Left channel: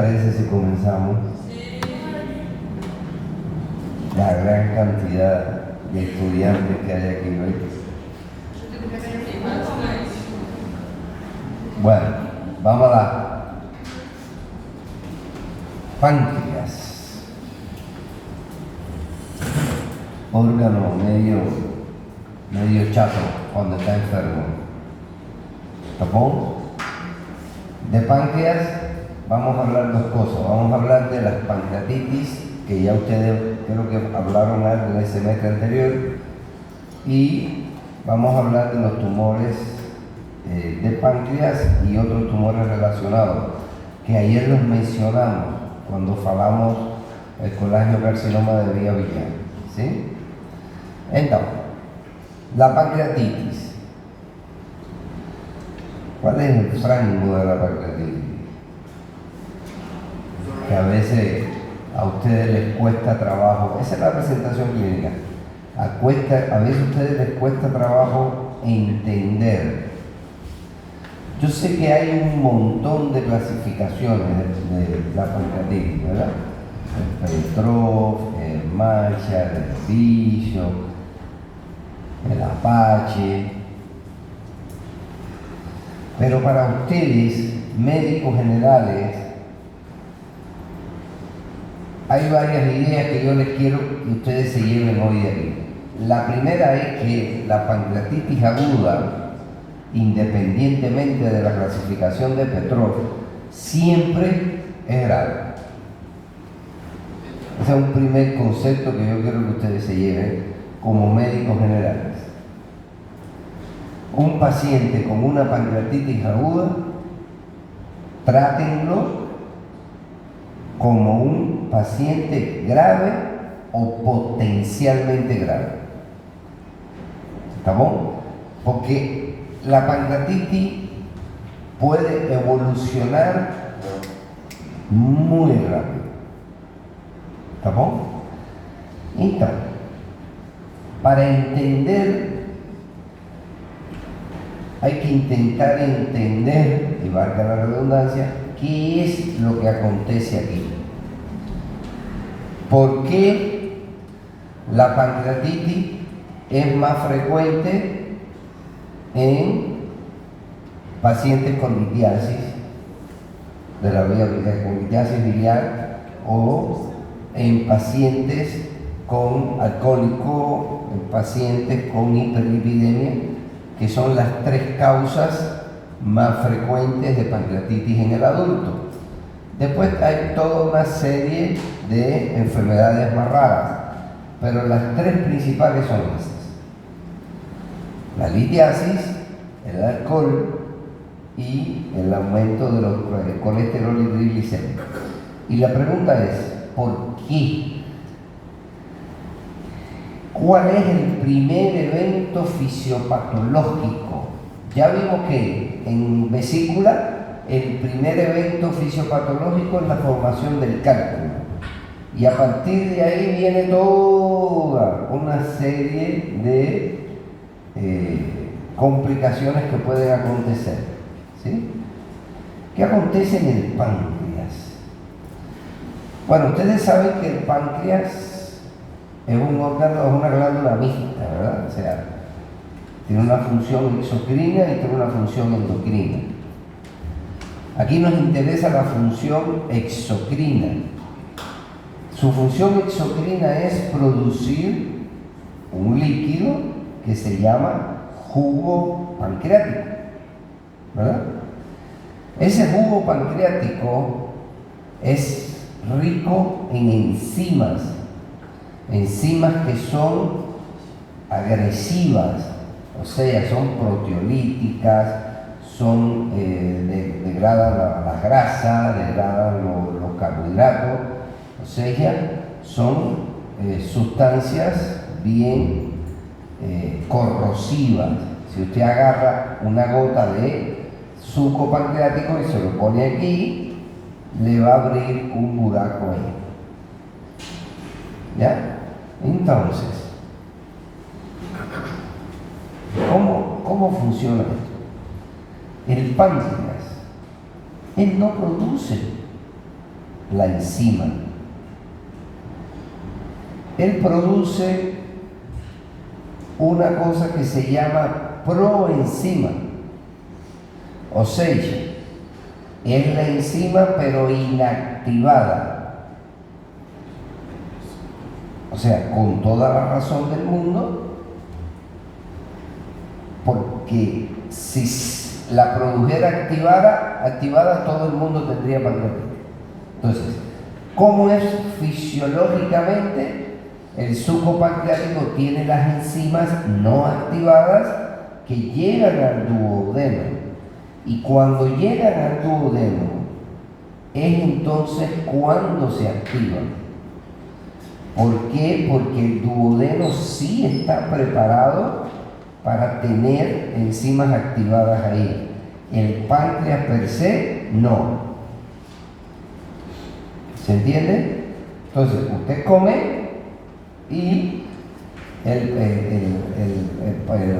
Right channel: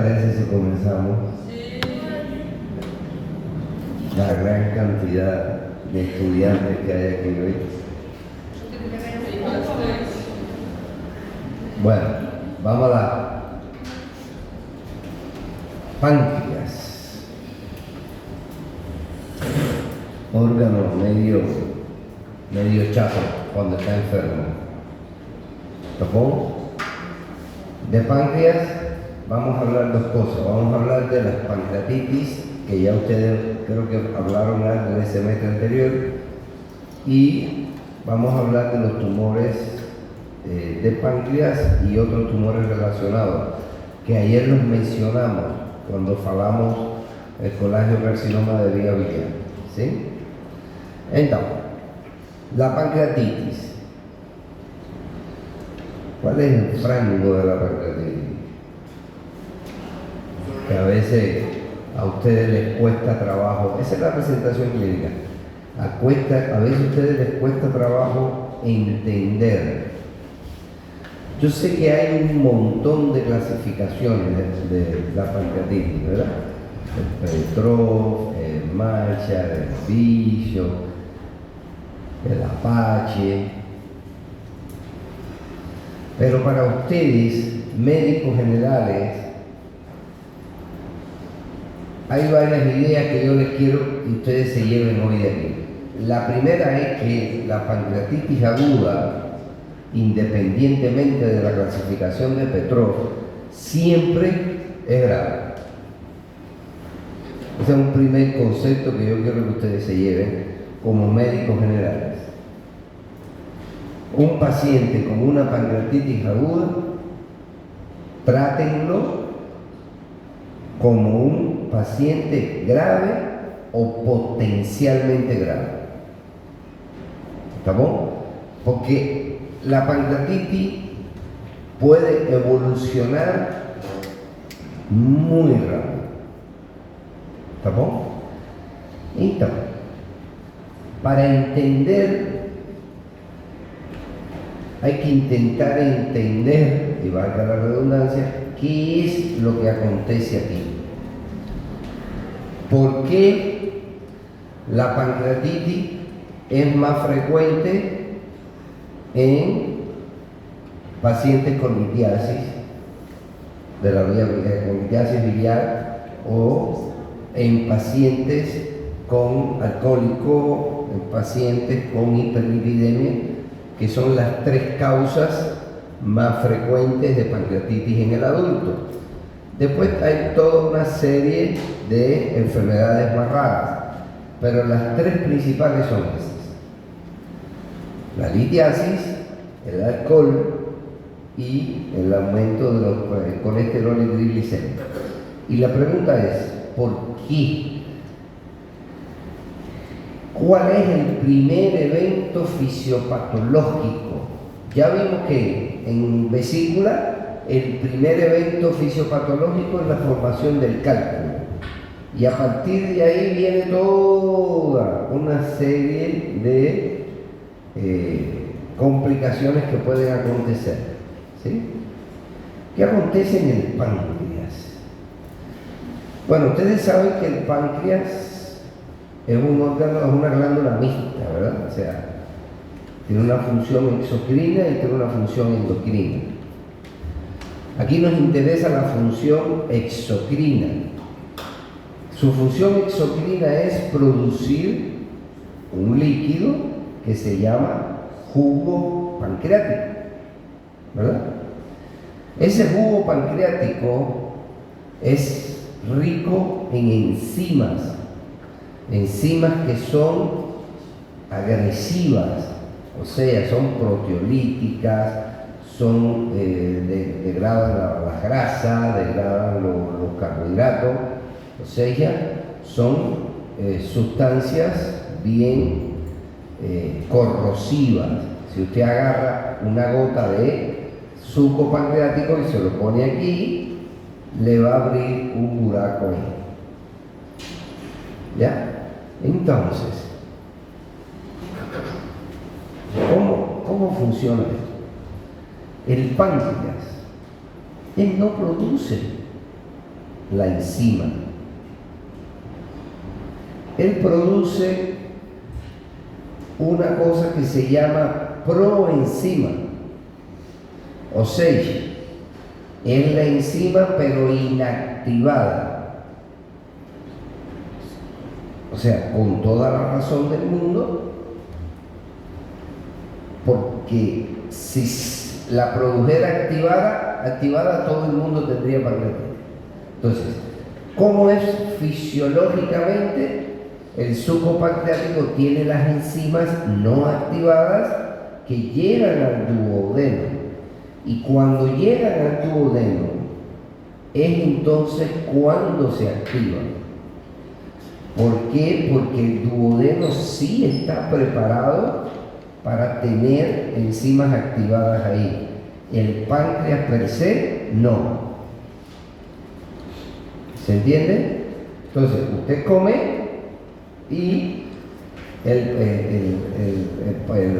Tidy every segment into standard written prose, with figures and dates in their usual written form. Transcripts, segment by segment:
parece si comenzamos? La gran cantidad de estudiantes que hay aquí hoy. Bueno, vamos a la páncreas. Órgano medio chato cuando está enfermo. ¿Tapón? De páncreas vamos a hablar dos cosas. Vamos a hablar de las pancreatitis, que ya ustedes creo que hablaron en el semestre anterior, y vamos a hablar de los tumores de páncreas y otros tumores relacionados, que ayer los mencionamos cuando hablamos del colangiocarcinoma de vía biliar. ¿Sí? Entonces, la pancreatitis. ¿Cuál es el rango de la pancreatitis? Que a veces a ustedes les cuesta trabajo. Esa es la presentación clínica. A veces a ustedes les cuesta trabajo entender. Yo sé que hay un montón de clasificaciones de la pancreatitis, ¿verdad? El Petrov, el Marshall, el Bishop, el Apache. Pero para ustedes, médicos generales, hay varias ideas que yo les quiero que ustedes se lleven hoy de aquí. La primera es que la pancreatitis aguda, independientemente de la clasificación de Petrov, siempre es grave. Ese es un primer concepto que yo quiero que ustedes se lleven como médicos generales. Un paciente con una pancreatitis aguda, trátenlo como un paciente grave o potencialmente grave. ¿Está bien? Porque la pancreatitis puede evolucionar muy rápido. ¿Está bien? Entonces, para entender, hay que intentar entender, y valga la redundancia, qué es lo que acontece aquí. ¿Por qué la pancreatitis es más frecuente en pacientes con litiasis de la vía biliar, con litiasis biliar, o en pacientes con alcohólico, en pacientes con hiperlipidemia, que son las tres causas más frecuentes de pancreatitis en el adulto? Después hay toda una serie de enfermedades más raras, pero las tres principales son estas: la litiasis, el alcohol y el aumento de los colesterol y triglicéridos. Y la pregunta es, ¿por qué? ¿Cuál es el primer evento fisiopatológico? Ya vimos que en vesícula el primer evento fisiopatológico es la formación del cálculo. Y a partir de ahí viene toda una serie de complicaciones que pueden acontecer. ¿Sí? ¿Qué acontece en el páncreas? Bueno, ustedes saben que el páncreas es un órgano, es una glándula mixta, ¿verdad? O sea, tiene una función exocrina y tiene una función endocrina. Aquí nos interesa la función exocrina. Su función exocrina es producir un líquido que se llama jugo pancreático, ¿verdad? Ese jugo pancreático es rico en enzimas que son agresivas, o sea, son proteolíticas, degradan las grasas, degradan los carbohidratos, o sea, son sustancias bien corrosivas. Si usted agarra una gota de suco pancreático y se lo pone aquí, le va a abrir un buraco ahí. ¿Ya? Entonces, ¿cómo funciona esto? El páncreas, él no produce la enzima. Él produce una cosa que se llama proenzima, o sea, es la enzima pero inactivada. O sea, con toda la razón del mundo, porque si la produjera activada todo el mundo tendría pancreatitis. Entonces, ¿cómo es fisiológicamente? El suco pancreático tiene las enzimas no activadas que llegan al duodeno. Y cuando llegan al duodeno, es entonces cuando se activan. ¿Por qué? Porque el duodeno sí está preparado para tener enzimas activadas ahí. El páncreas per se, no. ¿Se entiende? Entonces, usted come y el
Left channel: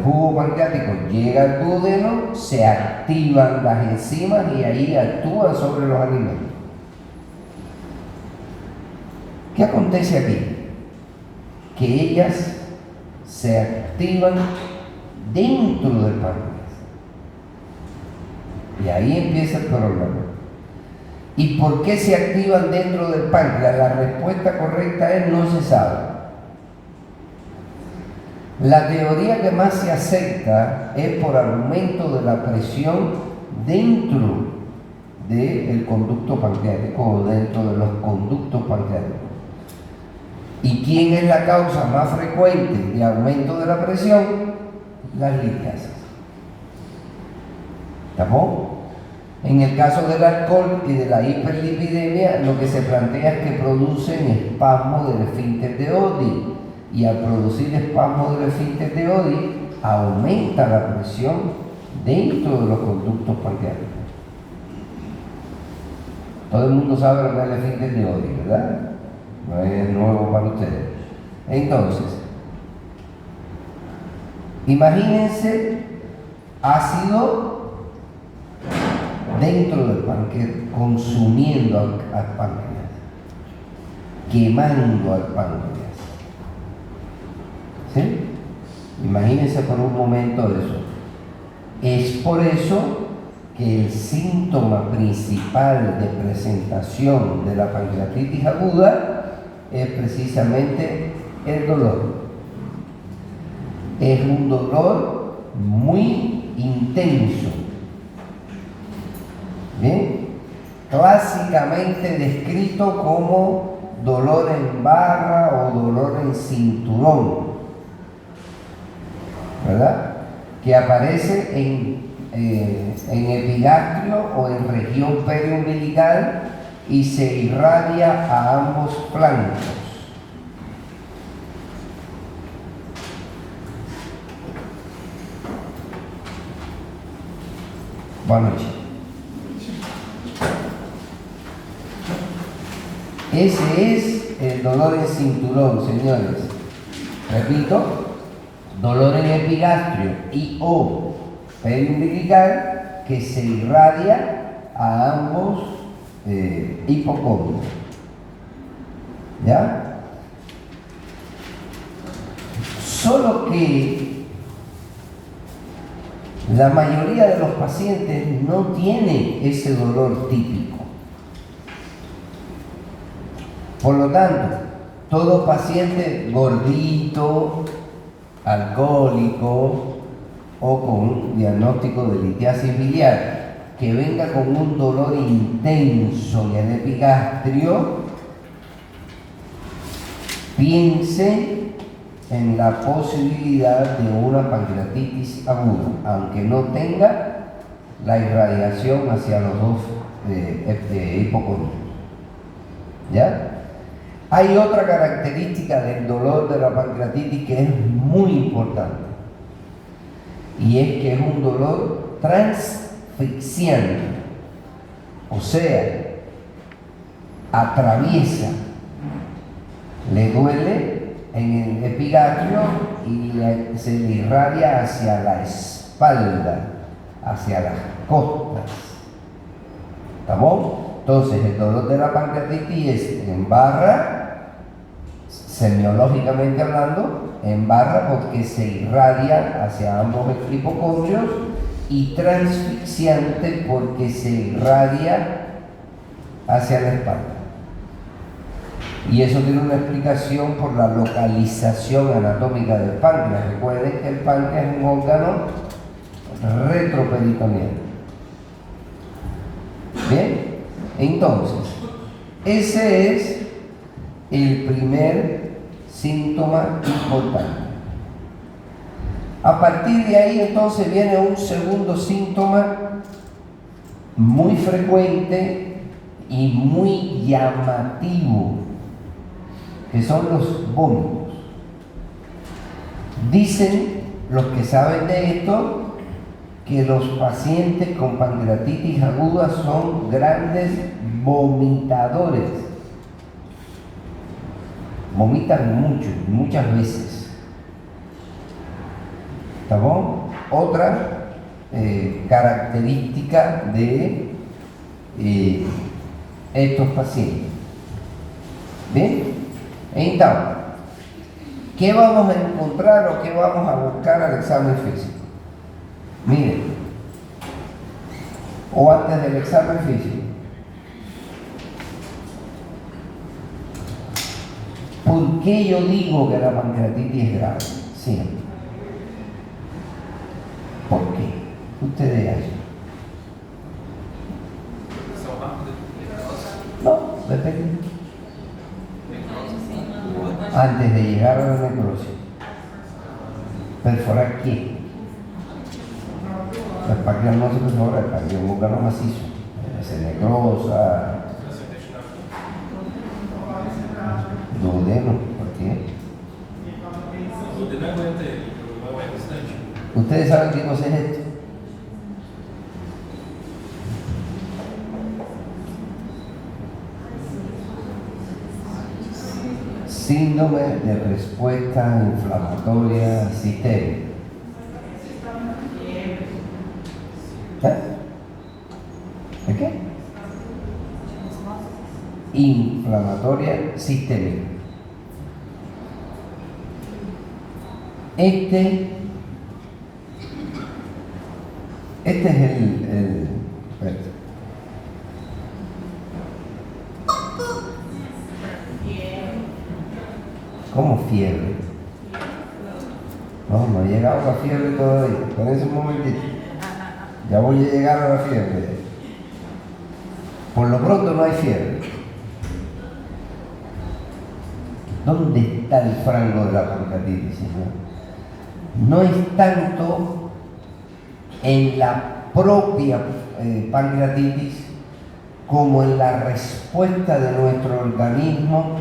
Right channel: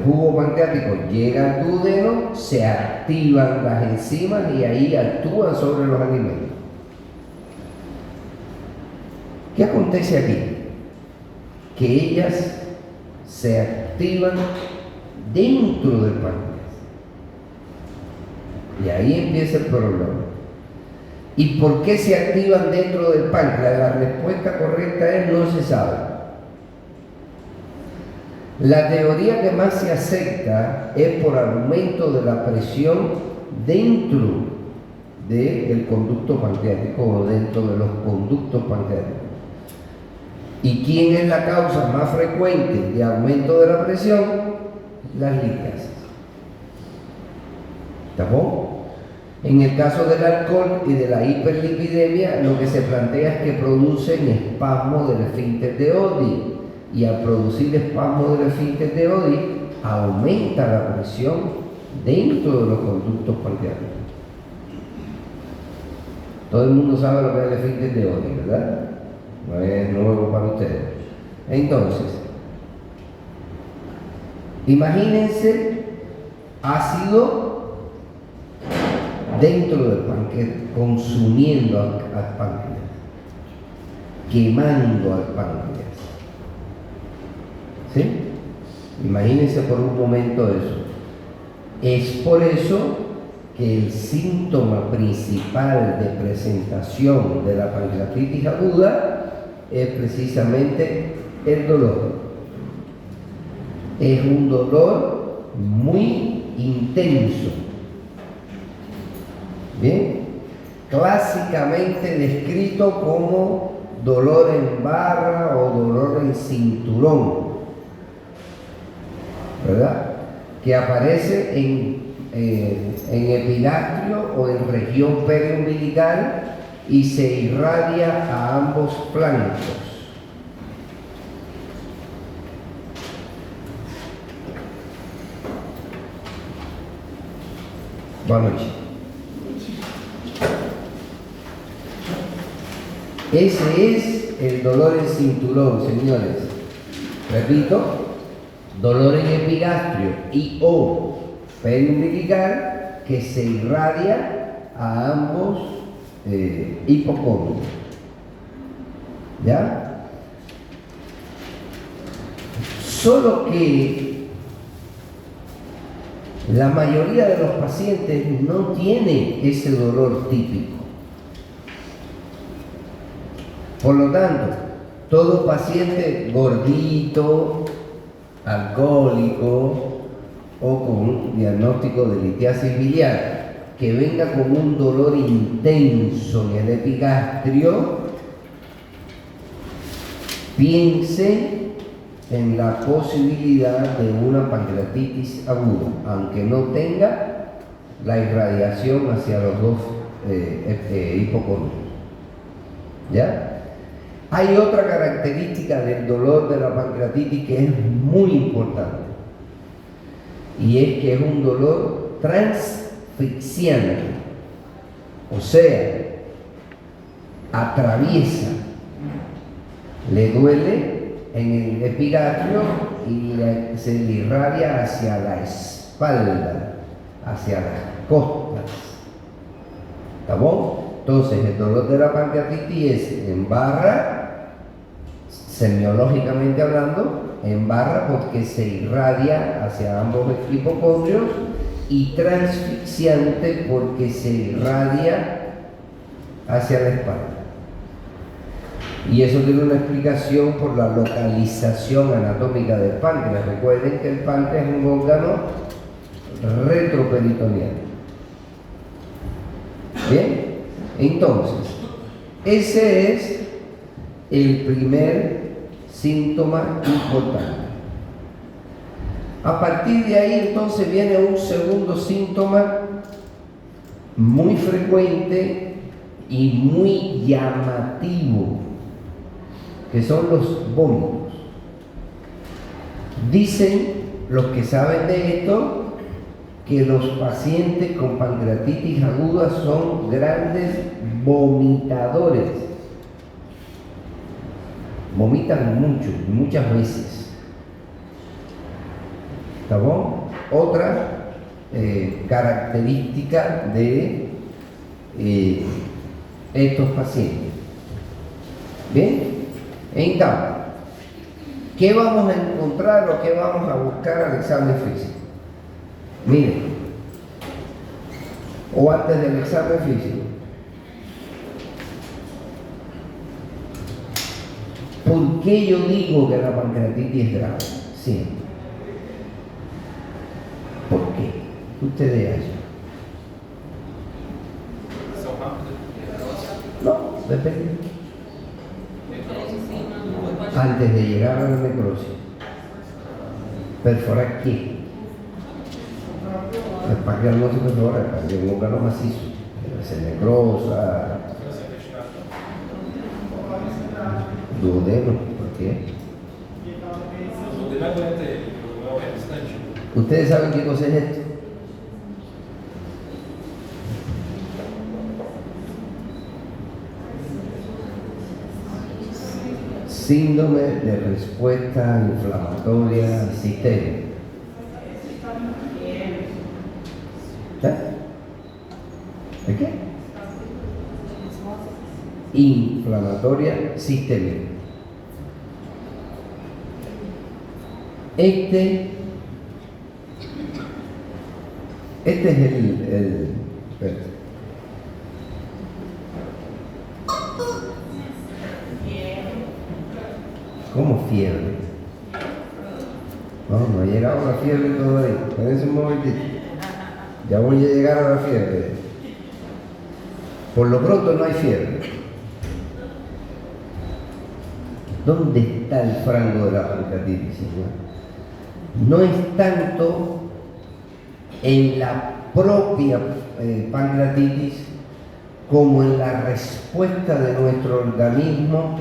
jugo pancreático llega al duodeno, se activan las enzimas y ahí actúan sobre los alimentos. ¿Qué acontece aquí? Que ellas se activan dentro del páncreas. Y ahí empieza el problema. ¿Y por qué se activan dentro del páncreas? La respuesta correcta es no se sabe. La teoría que más se acepta es por aumento de la presión dentro del conducto pancreático o dentro de los conductos pancreáticos. ¿Y quién es la causa más frecuente de aumento de la presión? Las litiasis. ¿Estamos? En el caso del alcohol y de la hiperlipidemia, lo que se plantea es que producen espasmos del esfínter de Oddi. Y al producir espasmos del esfínter de Oddi, aumenta la presión dentro de los conductos pancreáticos. Todo el mundo sabe lo que es el esfínter de Oddi, ¿verdad? No es nuevo para ustedes. Entonces, imagínense ácido dentro del páncreas, consumiendo al páncreas, quemando al páncreas. ¿Sí? Imagínense por un momento eso. Es por eso que el síntoma principal de presentación de la pancreatitis aguda es precisamente el dolor. Es un dolor muy intenso. Bien, clásicamente descrito como dolor en barra o dolor en cinturón, ¿verdad? Que aparece en epigastrio o en región periumbilical y se irradia a ambos flancos. Buenas noches. Ese es el dolor en cinturón, señores. Repito, dolor en epigastrio y o periumbilical que se irradia a ambos hipocóndrios. ¿Ya? Solo que la mayoría de los pacientes no tienen ese dolor típico. Por lo tanto, todo paciente gordito, alcohólico o con un diagnóstico de litiasis biliar que venga con un dolor intenso y el epigastrio, piense en la posibilidad de una pancreatitis aguda, aunque no tenga la irradiación hacia los dos hipocondrios. ¿Ya? Hay otra característica del dolor de la pancreatitis que es muy importante, y es que es un dolor transfixiante, o sea, atraviesa, le duele en el epigastrio y se le irradia hacia la espalda, hacia las costas. ¿Estamos? Entonces, el dolor de la pancreatitis es en barra, semiológicamente hablando, en barra porque se irradia hacia ambos hipocondrios, y transfixiante porque se irradia hacia la espalda. Y eso tiene una explicación por la localización anatómica del páncreas. Recuerden que el páncreas es un órgano retroperitoneal. Bien, entonces, ese es el primer síntoma importante. A partir de ahí entonces viene un segundo síntoma muy frecuente y muy llamativo, que son los vómitos. Dicen los que saben de esto que los pacientes con pancreatitis aguda son grandes vomitadores. Vomitan mucho, muchas veces. ¿Está? Otra característica de estos pacientes. ¿Bien? Entonces, ¿qué vamos a encontrar o qué vamos a buscar al examen físico? Miren, o antes del examen físico, ¿por qué yo digo que la pancreatitis es grave? Siempre. ¿Por qué? Ustedes hacen. No, depende. Antes de llegar a la necrosis, ¿perforar qué? El páncreas no se perfora, el páncreas es un órgano macizo, se necrosa. Duodeno, ¿por qué? ¿Ustedes saben qué cosa es esto? Síndrome de respuesta inflamatoria sistémica. ¿De qué? Inflamatoria sistémica. Este es espérate. ¿Cómo fiebre? No he llegado a la fiebre todavía. Espérense un momentito. Ya voy a llegar a la fiebre. Por lo pronto no hay fiebre. ¿Dónde está el frango de la pancreatitis, señor? No es tanto en la propia pancreatitis como en la respuesta de nuestro organismo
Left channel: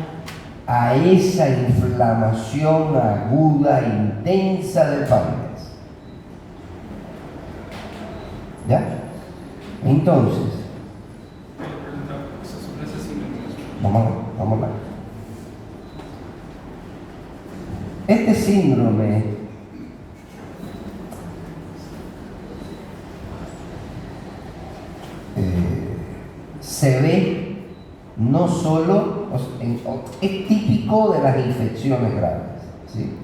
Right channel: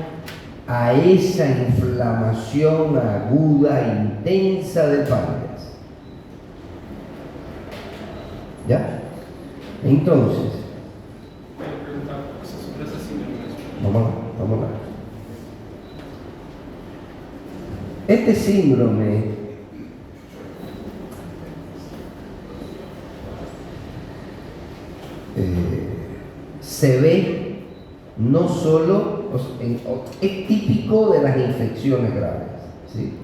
a esa inflamación aguda e intensa del páncreas. ¿Ya? Entonces, vamos a ver. Este síndrome se ve no solo, es típico de las infecciones graves, ¿sí?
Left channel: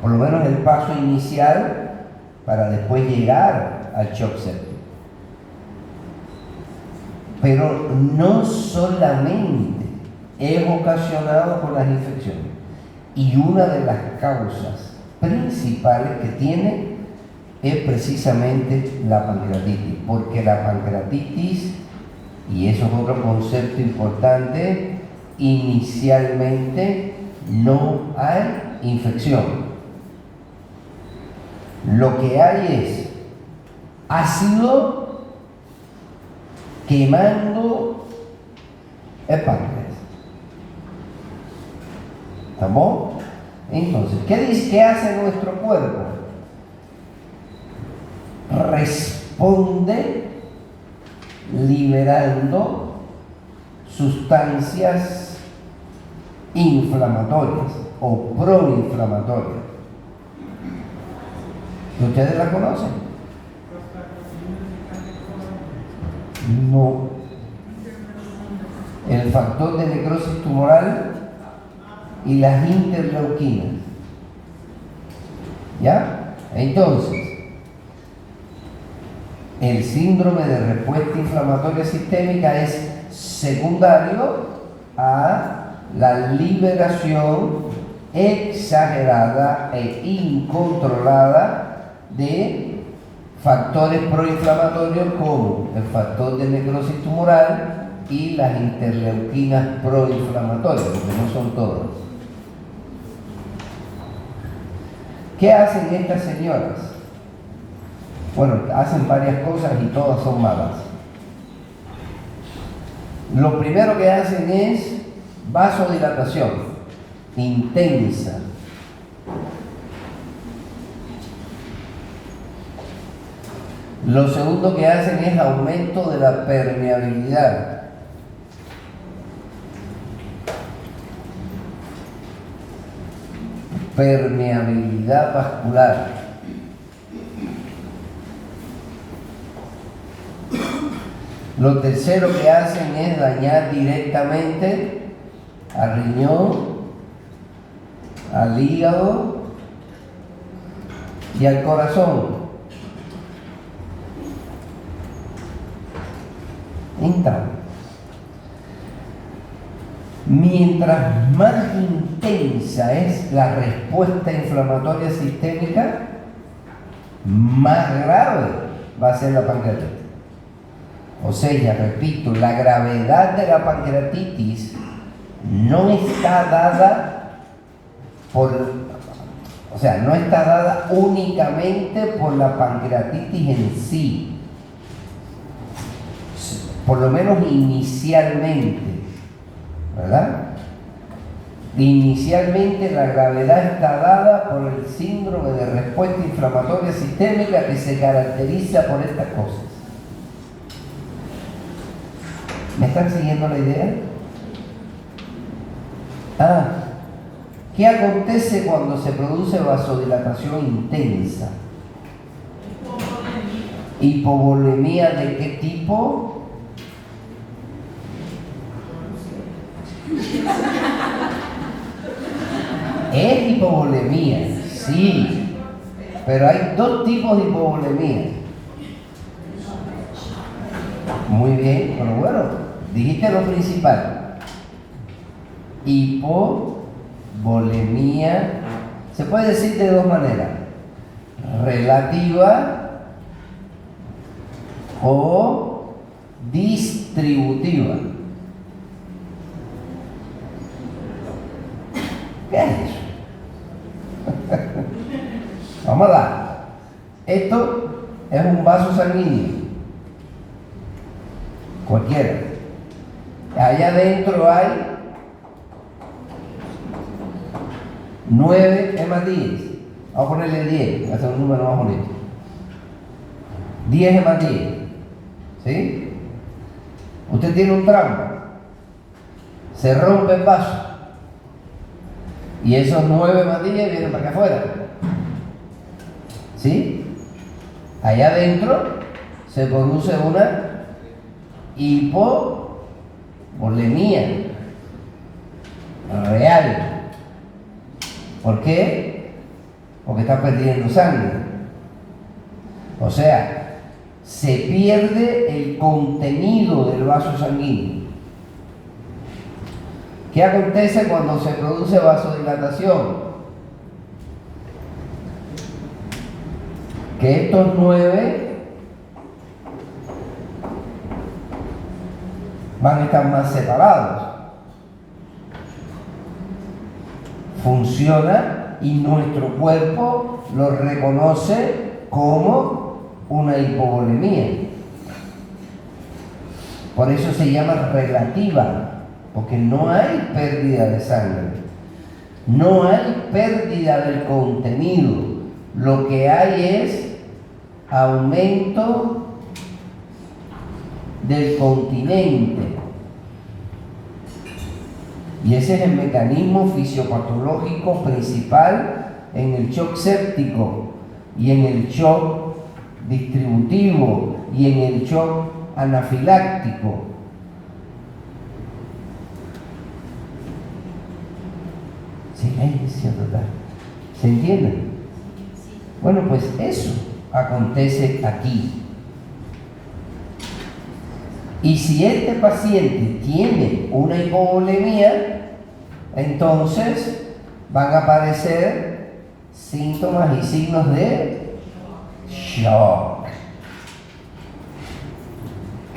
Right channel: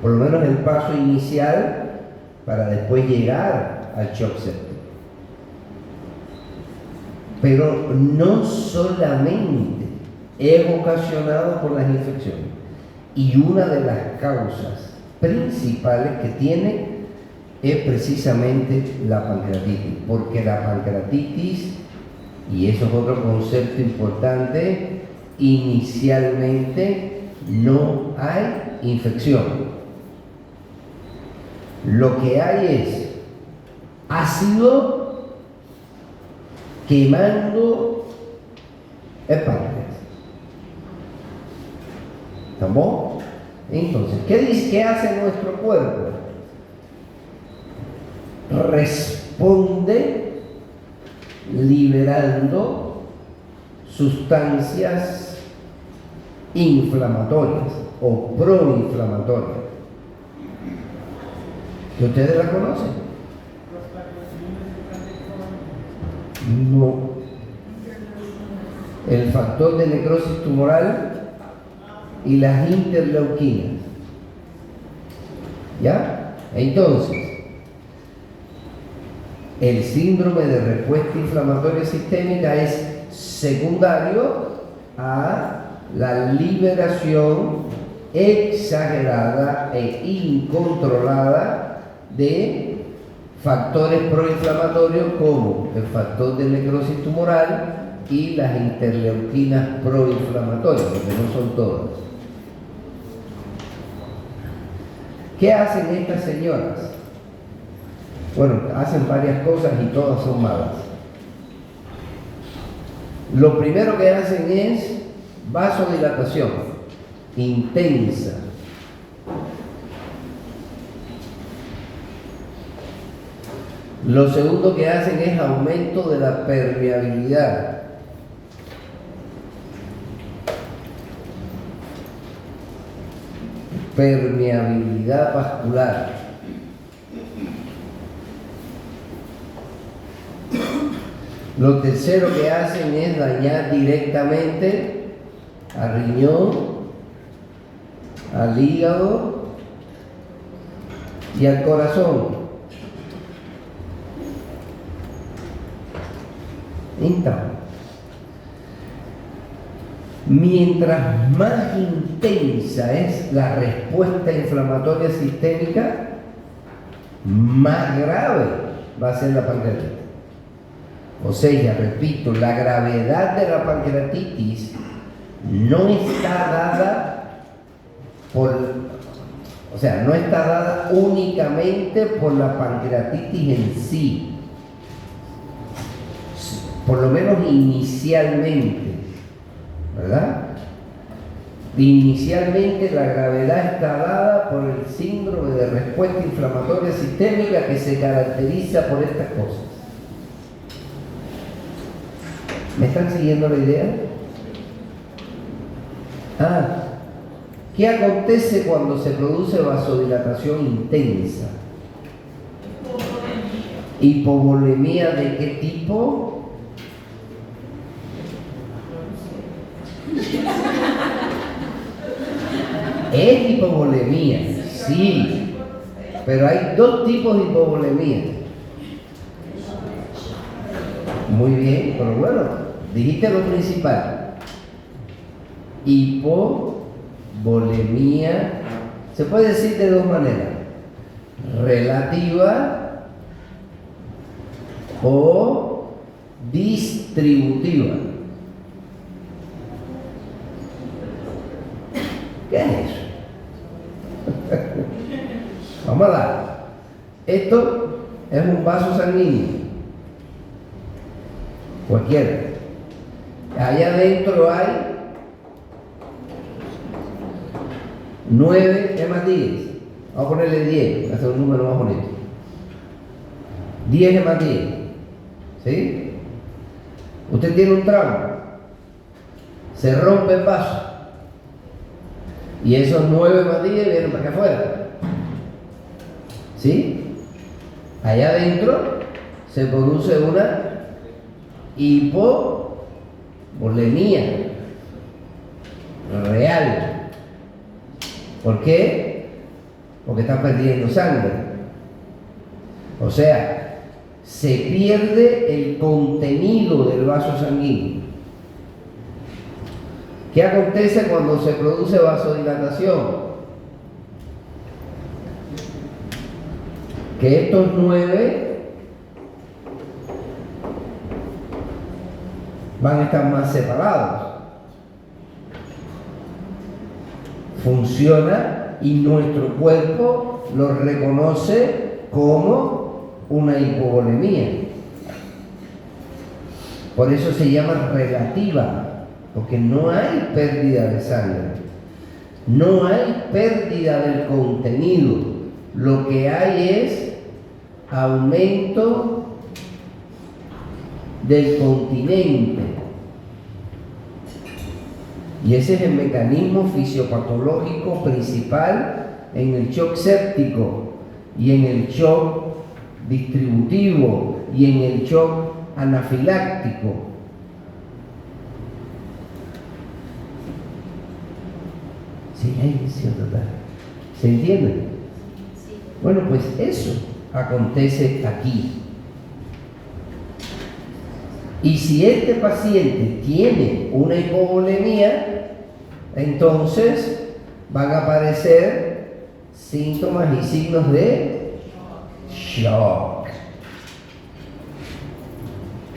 Por lo menos el paso inicial para después llegar al shock septic. Pero no solamente es ocasionado por las infecciones, y una de las causas principales que tiene es precisamente la pancreatitis, porque la pancreatitis, y eso es otro concepto importante, inicialmente no hay infección. Lo que hay es ácido quemando el páncreas. ¿Estamos? Entonces, ¿qué hace nuestro cuerpo? Responde liberando sustancias inflamatorias o proinflamatorias. ¿Ustedes la conocen? No. el factor de necrosis tumoral y las interleuquinas. ¿Ya? Entonces, el síndrome de respuesta inflamatoria sistémica es secundario a la liberación exagerada e incontrolada de factores proinflamatorios como el factor de necrosis tumoral y las interleuquinas proinflamatorias, porque no son todas. ¿Qué hacen estas señoras? Bueno, hacen varias cosas y todas son malas. Lo primero que hacen es vasodilatación intensa. Lo segundo que hacen es aumento de la permeabilidad. Permeabilidad vascular. Lo tercero que hacen es dañar directamente al riñón, al hígado y al corazón. Mientras más intensa es la respuesta inflamatoria sistémica, más grave va a ser la pancreatitis. O sea, repito, la gravedad de la pancreatitis no está dada no está dada únicamente por la pancreatitis en sí, por lo menos inicialmente, ¿verdad? Inicialmente la gravedad está dada por el síndrome de respuesta inflamatoria sistémica que se caracteriza por estas cosas. ¿Me están siguiendo la idea? ¿Qué acontece cuando se produce vasodilatación intensa? ¿Hipovolemía de qué tipo? Es hipovolemía, sí, pero hay dos tipos de hipovolemía. Muy bien, pero bueno, dijiste lo principal. Hipovolemía, se puede decir de dos maneras: relativa o distributiva. ¿Qué es eso? Vamos a dar. Esto es un vaso sanguíneo, cualquiera. Allá adentro hay 9 hematíes. Vamos a ponerle 10, va a ser un número más bonito. 10 hematíes. ¿Sí? Usted tiene un trauma, se rompe el vaso y esos 9 hematíes vienen para acá afuera. ¿Sí? Allá adentro se produce una hipovolemia real. ¿Por qué? Porque está perdiendo sangre. O sea, se pierde el contenido del vaso sanguíneo. ¿Qué acontece cuando se produce vasodilatación? Que estos 9 van a estar más separados. Funciona y nuestro cuerpo lo reconoce como una hipovolemia. Por eso se llama relativa, porque no hay pérdida de sangre, no hay pérdida del contenido. Lo que hay es aumento del continente. Y ese es el mecanismo fisiopatológico principal en el shock séptico y en el shock distributivo y en el shock anafiláctico. Silencio total. ¿Se entiende? Bueno, pues eso acontece aquí. Y si este paciente tiene una hipovolemia, entonces van a aparecer síntomas y signos de shock,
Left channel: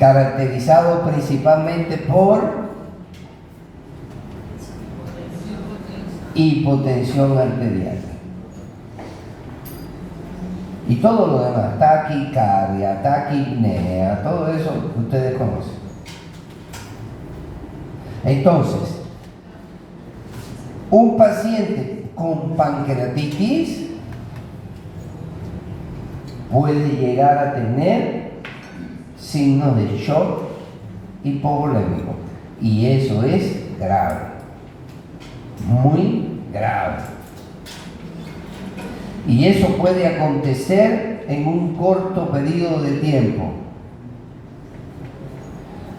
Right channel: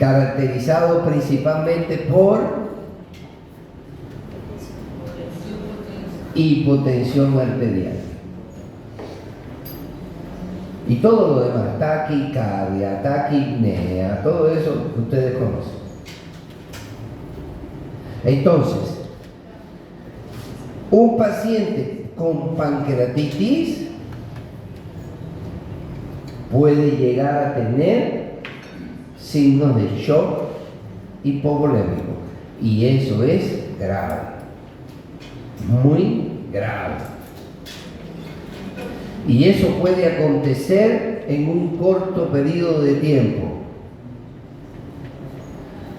caracterizado principalmente por hipotensión arterial. Y todo lo demás, taquicardia, taquipnea, todo eso ustedes conocen. Entonces, un paciente con pancreatitis puede llegar a tener signos de shock hipovolémico. Y eso es grave, muy grave. Y eso puede acontecer en un corto periodo de tiempo.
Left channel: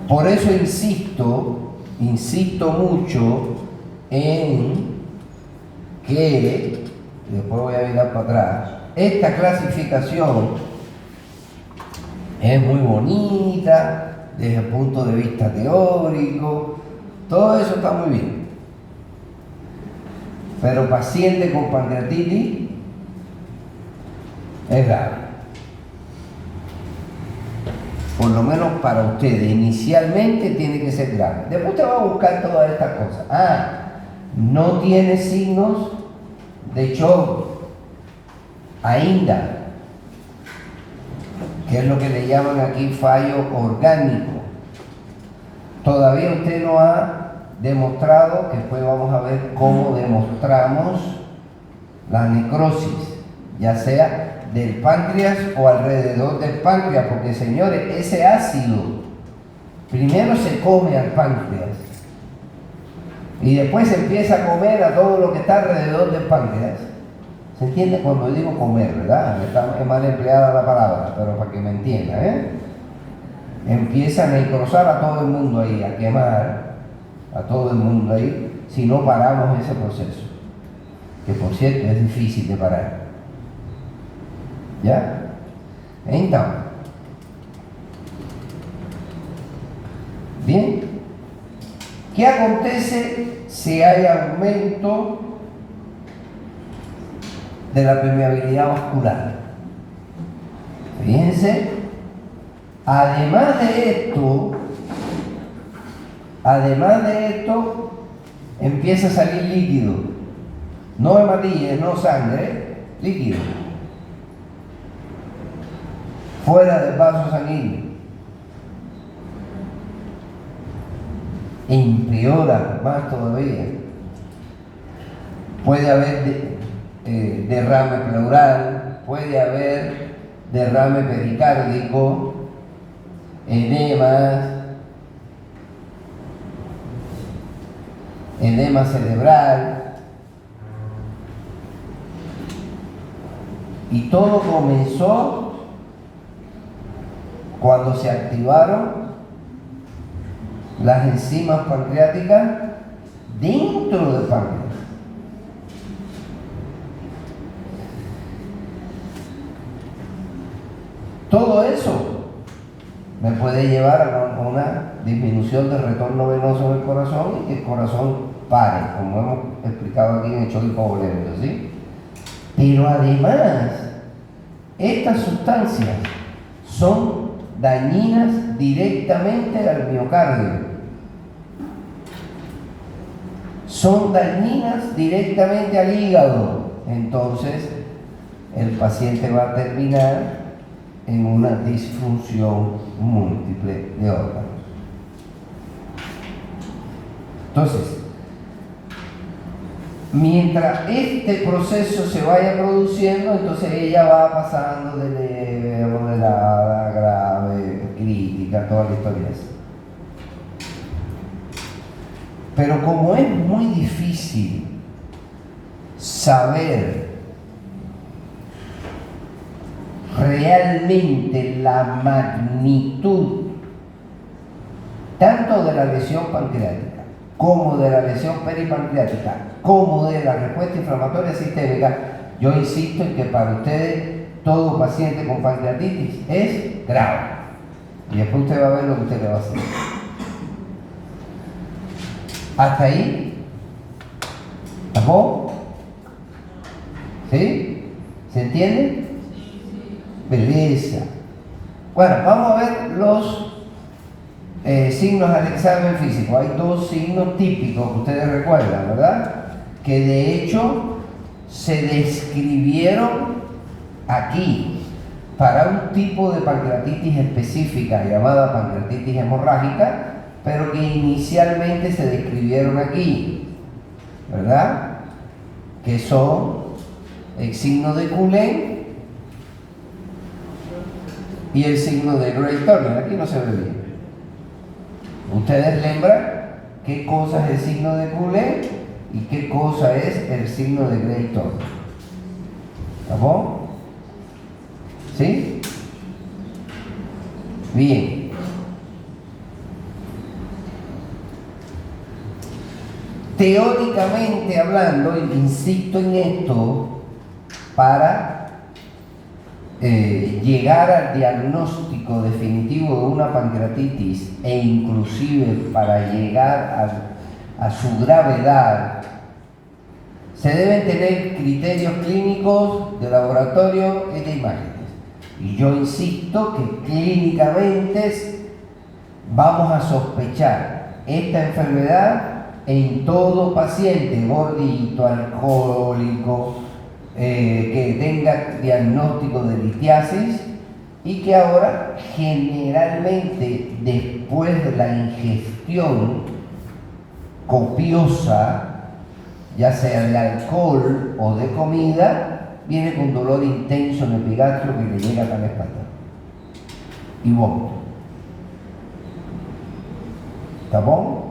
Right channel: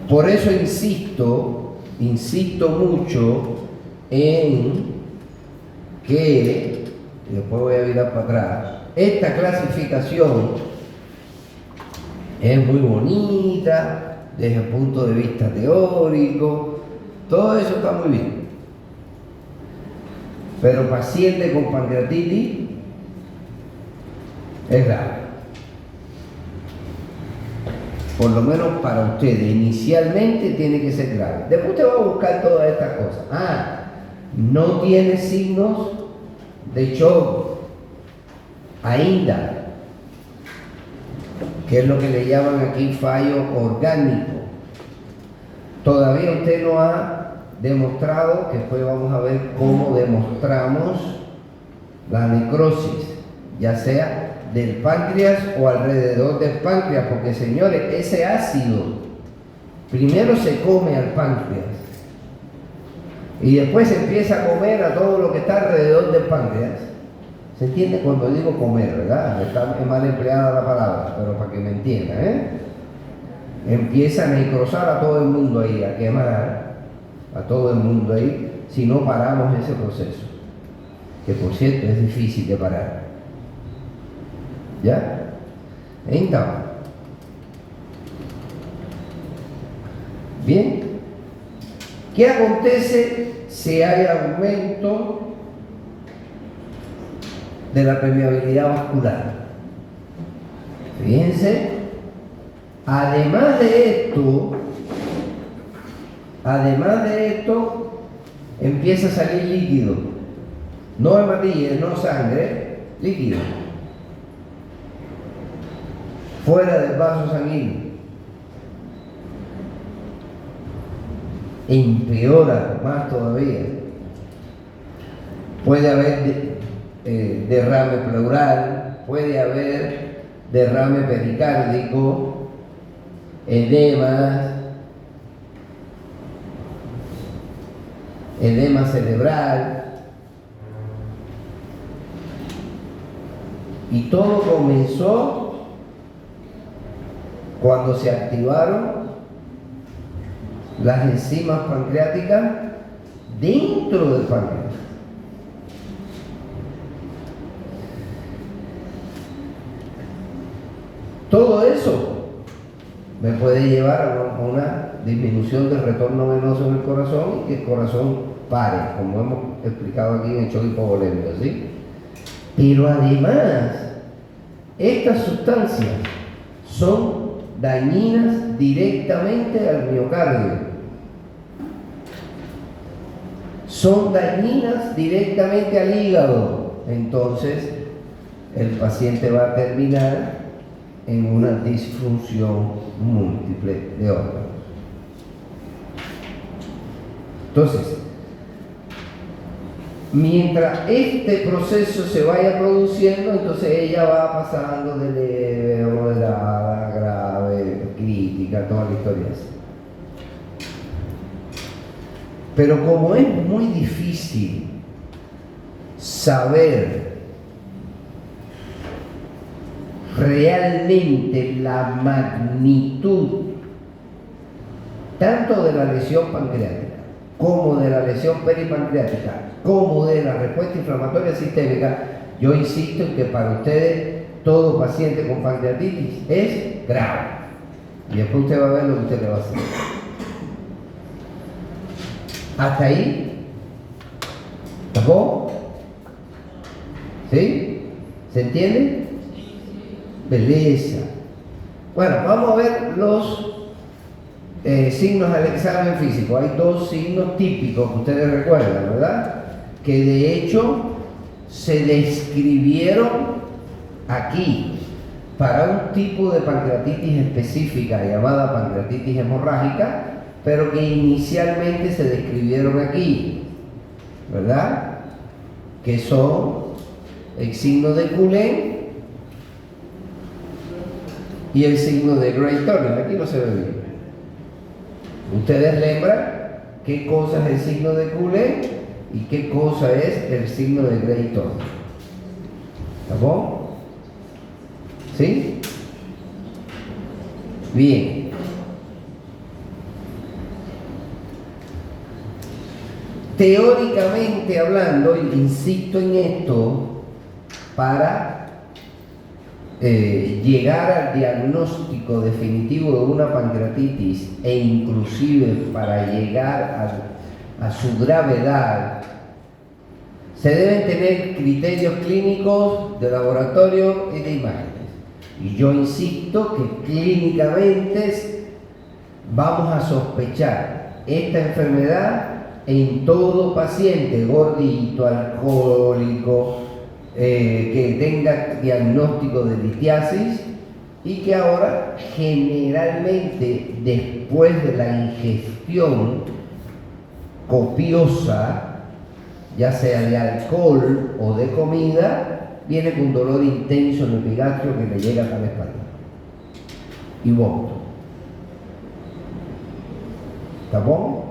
Por eso insisto mucho en que, y después voy a mirar para atrás, esta clasificación es muy bonita desde el punto de vista teórico, todo eso está muy bien. Pero paciente con pancreatitis es grave. Por lo menos para ustedes, inicialmente tiene que ser grave. Después usted va a buscar todas estas cosas. No tiene signos de shock ainda, que es lo que le llaman aquí fallo orgánico. Todavía usted no ha demostrado, que después vamos a ver cómo demostramos la necrosis, ya sea del páncreas o alrededor del páncreas, porque señores, ese ácido primero se come al páncreas y después se empieza a comer a todo lo que está alrededor del páncreas. ¿Se entiende cuando digo comer, verdad? Está mal empleada la palabra, pero para que me entiendan, Empieza a necrosar a todo el mundo ahí, a quemar a todo el mundo ahí, si no paramos ese proceso, que por cierto es difícil de parar. ¿Ya? Entonces, bien, ¿qué acontece si hay aumento de la permeabilidad vascular? Fíjense, además de esto, empieza a salir líquido, no hematía, no sangre, líquido, fuera del vaso sanguíneo. Empeora más todavía. Puede haber derrame pleural, puede haber derrame pericárdico, edema cerebral. Y todo comenzó cuando se activaron las enzimas pancreáticas dentro del páncreas. Todo eso me puede llevar a una disminución del retorno venoso del corazón y que el corazón pare, como hemos explicado aquí en el shock hipovolémico, ¿sí? Pero además, estas sustancias son dañinas directamente al miocardio. Son dañinas directamente al hígado. Entonces, el paciente va a terminar en una disfunción múltiple de órganos. Entonces, mientras este proceso se vaya produciendo, entonces ella va pasando de leve, moderada, grave, crítica, toda la historia esa. Pero como es muy difícil saber realmente la magnitud tanto de la lesión pancreática como de la lesión peripancreática, como de la respuesta inflamatoria sistémica, yo insisto en que para ustedes todo paciente con pancreatitis es grave. Y después usted va a ver lo que usted le va a hacer. ¿Hasta ahí? ¿Vos? ¿Sí? ¿Se entiende? Belleza. Bueno, vamos a ver los signos al examen físico. Hay dos signos típicos que ustedes recuerdan, ¿verdad? Que de hecho se describieron aquí para un tipo de pancreatitis específica llamada pancreatitis hemorrágica, pero que inicialmente se describieron aquí, ¿verdad? Que son el signo de Cullen y el signo de Grey Turner. Aquí no se ve bien. Ustedes lembran qué cosa es el signo de Cullen y qué cosa es el signo de Grey Turner. ¿Estamos? ¿Sí? Bien. Teóricamente hablando, y insisto en esto, para llegar al diagnóstico definitivo de una pancreatitis e inclusive para llegar a su gravedad, se deben tener criterios clínicos de laboratorio y de imágenes. Y yo insisto que clínicamente vamos a sospechar esta enfermedad en todo paciente gordito, alcohólico, que tenga diagnóstico de litiasis y que ahora generalmente después de la ingestión copiosa, ya sea de alcohol o de comida, viene con dolor intenso en el epigastrio que le llega hasta la espalda y vómito. ¿Está bueno?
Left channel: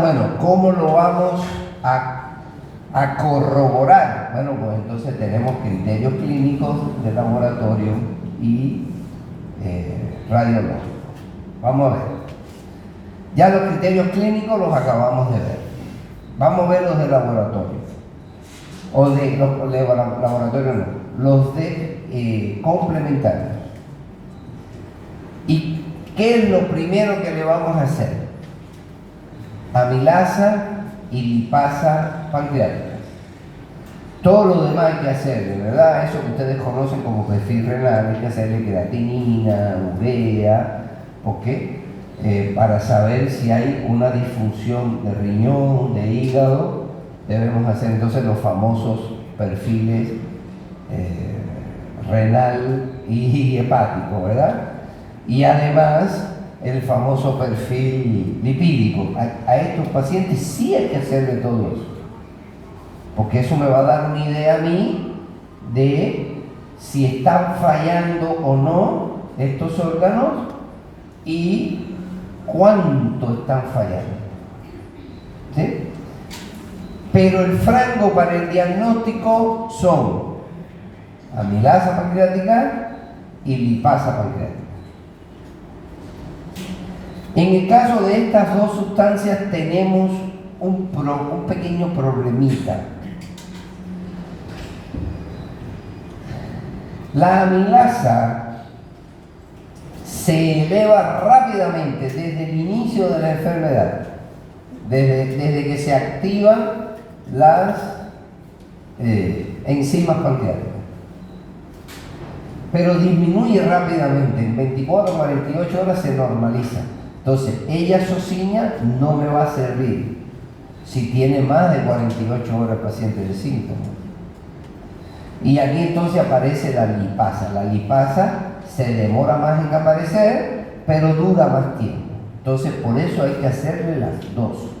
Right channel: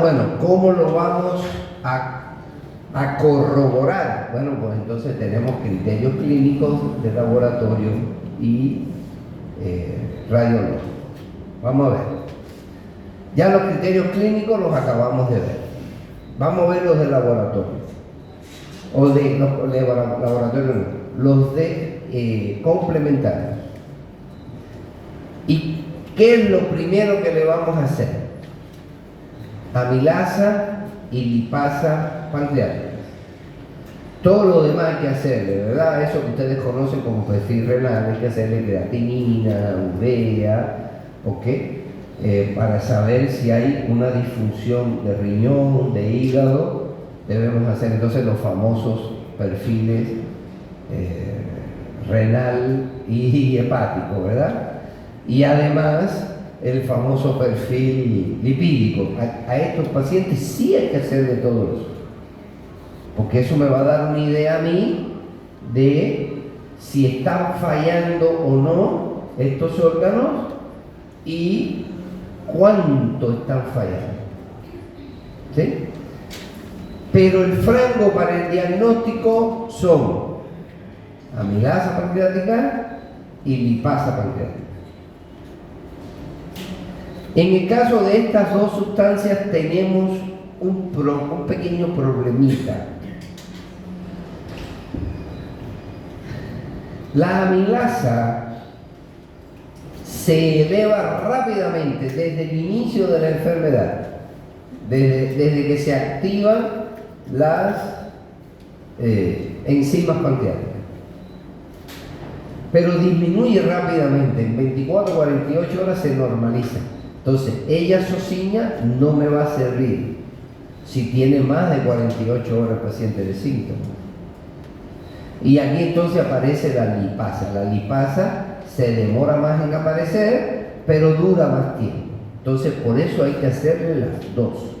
Bueno, ¿cómo lo vamos a corroborar? Bueno, pues entonces tenemos criterios clínicos de laboratorio y radiológicos. Vamos a ver. Ya los criterios clínicos los acabamos de ver. Vamos a ver los de laboratorio. O de laboratorio, los de complementarios. ¿Y qué es lo primero que le vamos a hacer? Amilasa y lipasa pancreática. Todo lo demás hay que hacerle, ¿verdad? Eso que ustedes conocen como perfil renal, hay que hacerle creatinina, urea, ¿ok? Para saber si hay una disfunción de riñón, de hígado, debemos hacer entonces los famosos perfiles renal y hepático, ¿verdad? Y además el famoso perfil lipídico. A estos pacientes sí hay que hacerle todo eso, porque eso me va a dar una idea a mí de si están fallando o no estos órganos y cuánto están fallando. ¿Sí? Pero el franco para el diagnóstico son amilasa pancreática y lipasa pancreática. En el caso de estas dos sustancias tenemos un pequeño problemita. La amilasa se eleva rápidamente desde el inicio de la enfermedad, desde que se activan las enzimas pancreáticas. Pero disminuye rápidamente, en 24 o 48 horas se normaliza. Entonces, ella socina no me va a servir si tiene más de 48 horas el paciente de síntomas. Y aquí entonces aparece la lipasa. La lipasa se demora más en aparecer, pero dura más tiempo. Entonces, por eso hay que hacerle las dos.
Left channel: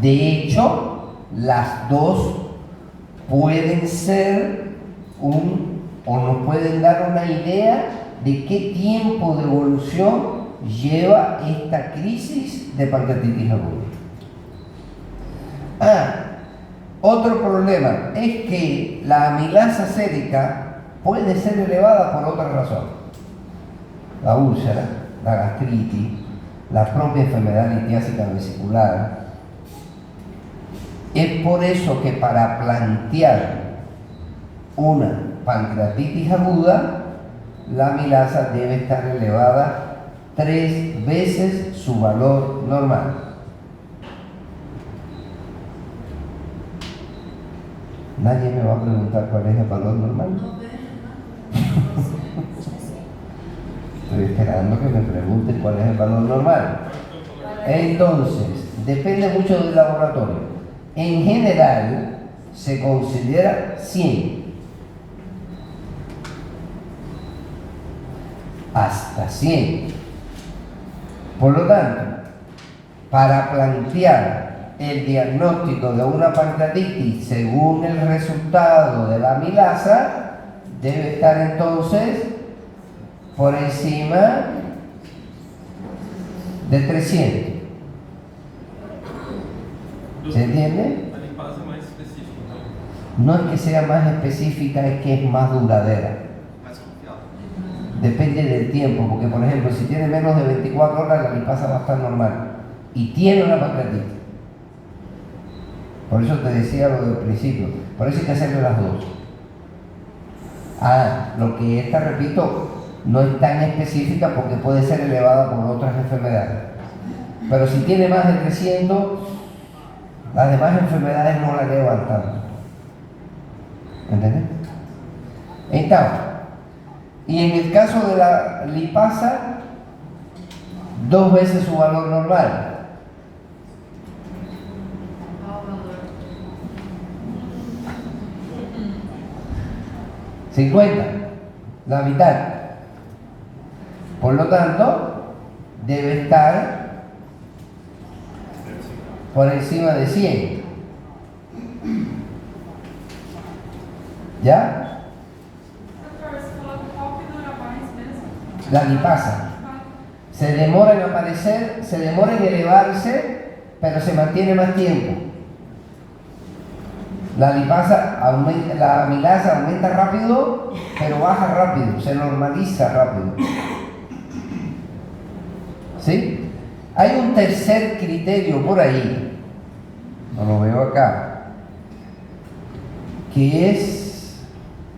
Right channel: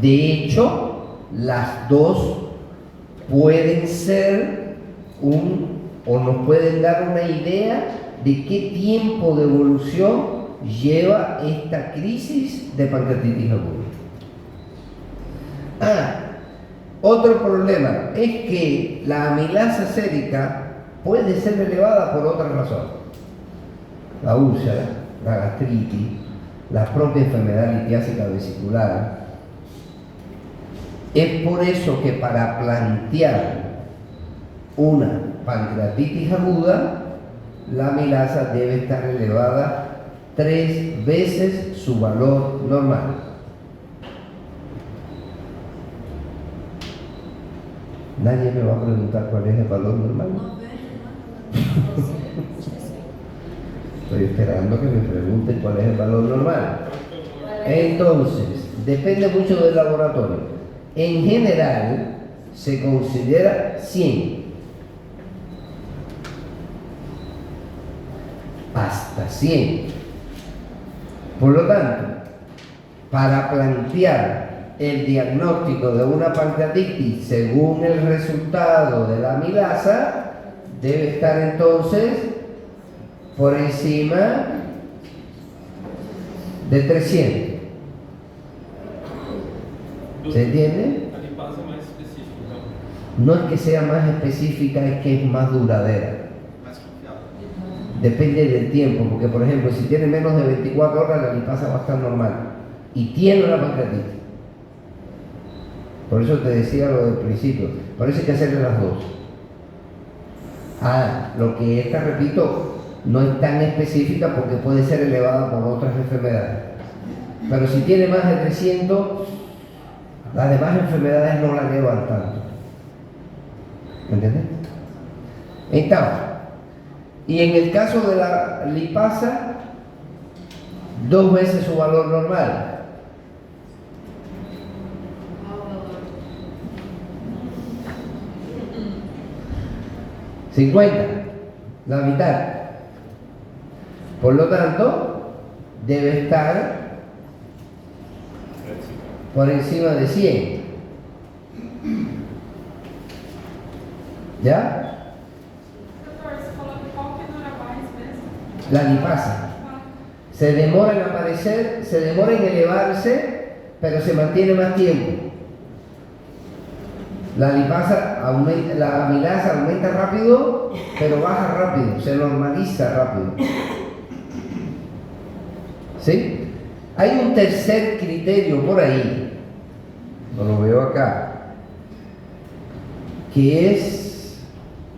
De hecho, las dos pueden ser o nos pueden dar una idea de qué tiempo de evolución lleva esta crisis de pancreatitis aguda. Otro problema es que la amilasa sérica puede ser elevada por otra razón. La úlcera, la gastritis, la propia enfermedad litiásica vesicular. Es por eso que para plantear una pancreatitis aguda, la amilasa debe estar elevada 3 veces su valor normal. Nadie me va a preguntar cuál es el valor normal. Estoy esperando que me pregunten cuál es el valor normal. Entonces, depende mucho del laboratorio. En general, se considera 100. Hasta 100. Por lo tanto, para plantear el diagnóstico de una pancreatitis según el resultado de la amilasa, debe estar entonces por encima de 300. ¿Se entiende? A limpeza é mais específica, então. No es que sea más específica, es que es más duradera. Mais confiável. Depende del tiempo, porque por ejemplo, si tiene menos de 24 horas, la lipasa va a estar normal. Y tiene una pancreatitis. Por eso te decía lo del principio. Por eso hay que hacerle las dos. Lo que esta, repito, no es tan específica porque puede ser elevada por otras enfermedades. Pero si tiene más de 300, las demás enfermedades no la elevan tanto. ¿Entiendes? Entonces, y en el caso de la lipasa, 2 veces su valor normal. 50, la mitad. Por lo tanto, debe estar por encima de 100. ¿Ya? Doutor, você falou que qual que dura mais mesmo? La lipasa. Se demora en aparecer, se demora en elevarse, pero se mantiene más tiempo. La lipasa aumenta, la amilasa aumenta rápido, pero baja rápido, se normaliza rápido. ¿Sí? Hay un tercer criterio por ahí, no lo veo acá, que es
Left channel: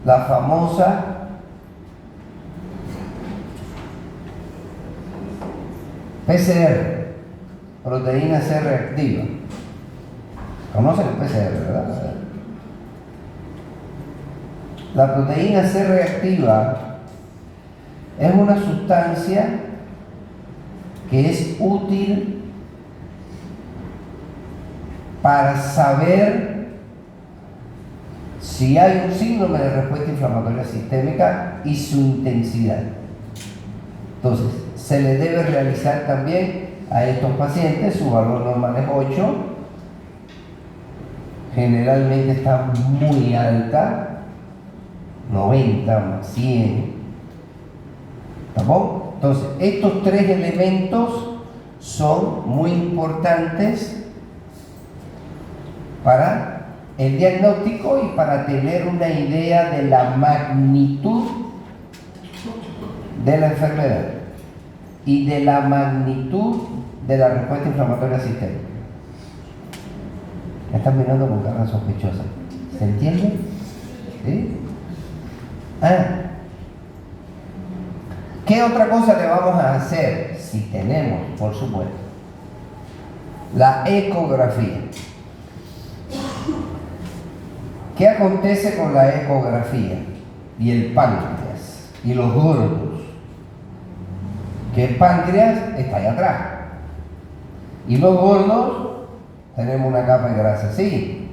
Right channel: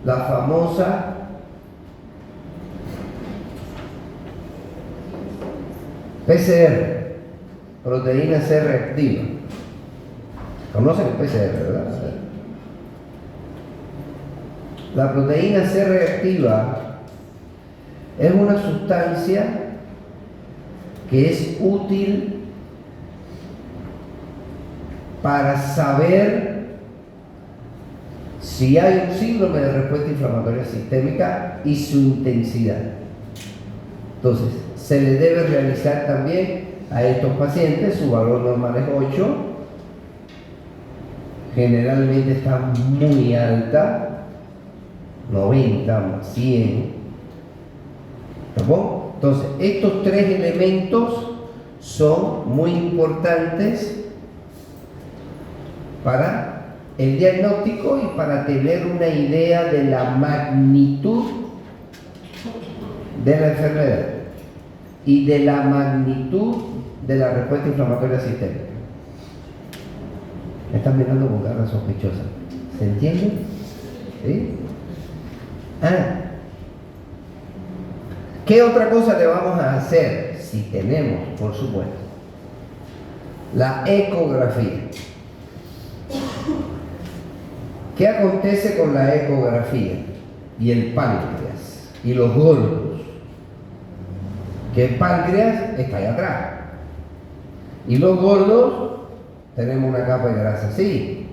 la famosa PCR, proteína C reactiva. ¿Conocen el PCR, verdad? La proteína C reactiva es una sustancia que es útil para saber si hay un síndrome de respuesta inflamatoria sistémica y su intensidad. Entonces, se le debe realizar también a estos pacientes, su valor normal es 8, generalmente está muy alta, 90, 100. ¿Está? Entonces, estos 3 elementos son muy importantes para el diagnóstico y para tener una idea de la magnitud de la enfermedad y de la magnitud de la respuesta inflamatoria sistémica. Me están mirando con cara sospechosa. ¿Se entiende? ¿Sí? ¿Qué otra cosa le vamos a hacer? Si tenemos, por supuesto, la ecografía. ¿Qué acontece con la ecografía y el páncreas y los gordos? Que el páncreas está allá atrás y los gordos tenemos una capa de grasa así,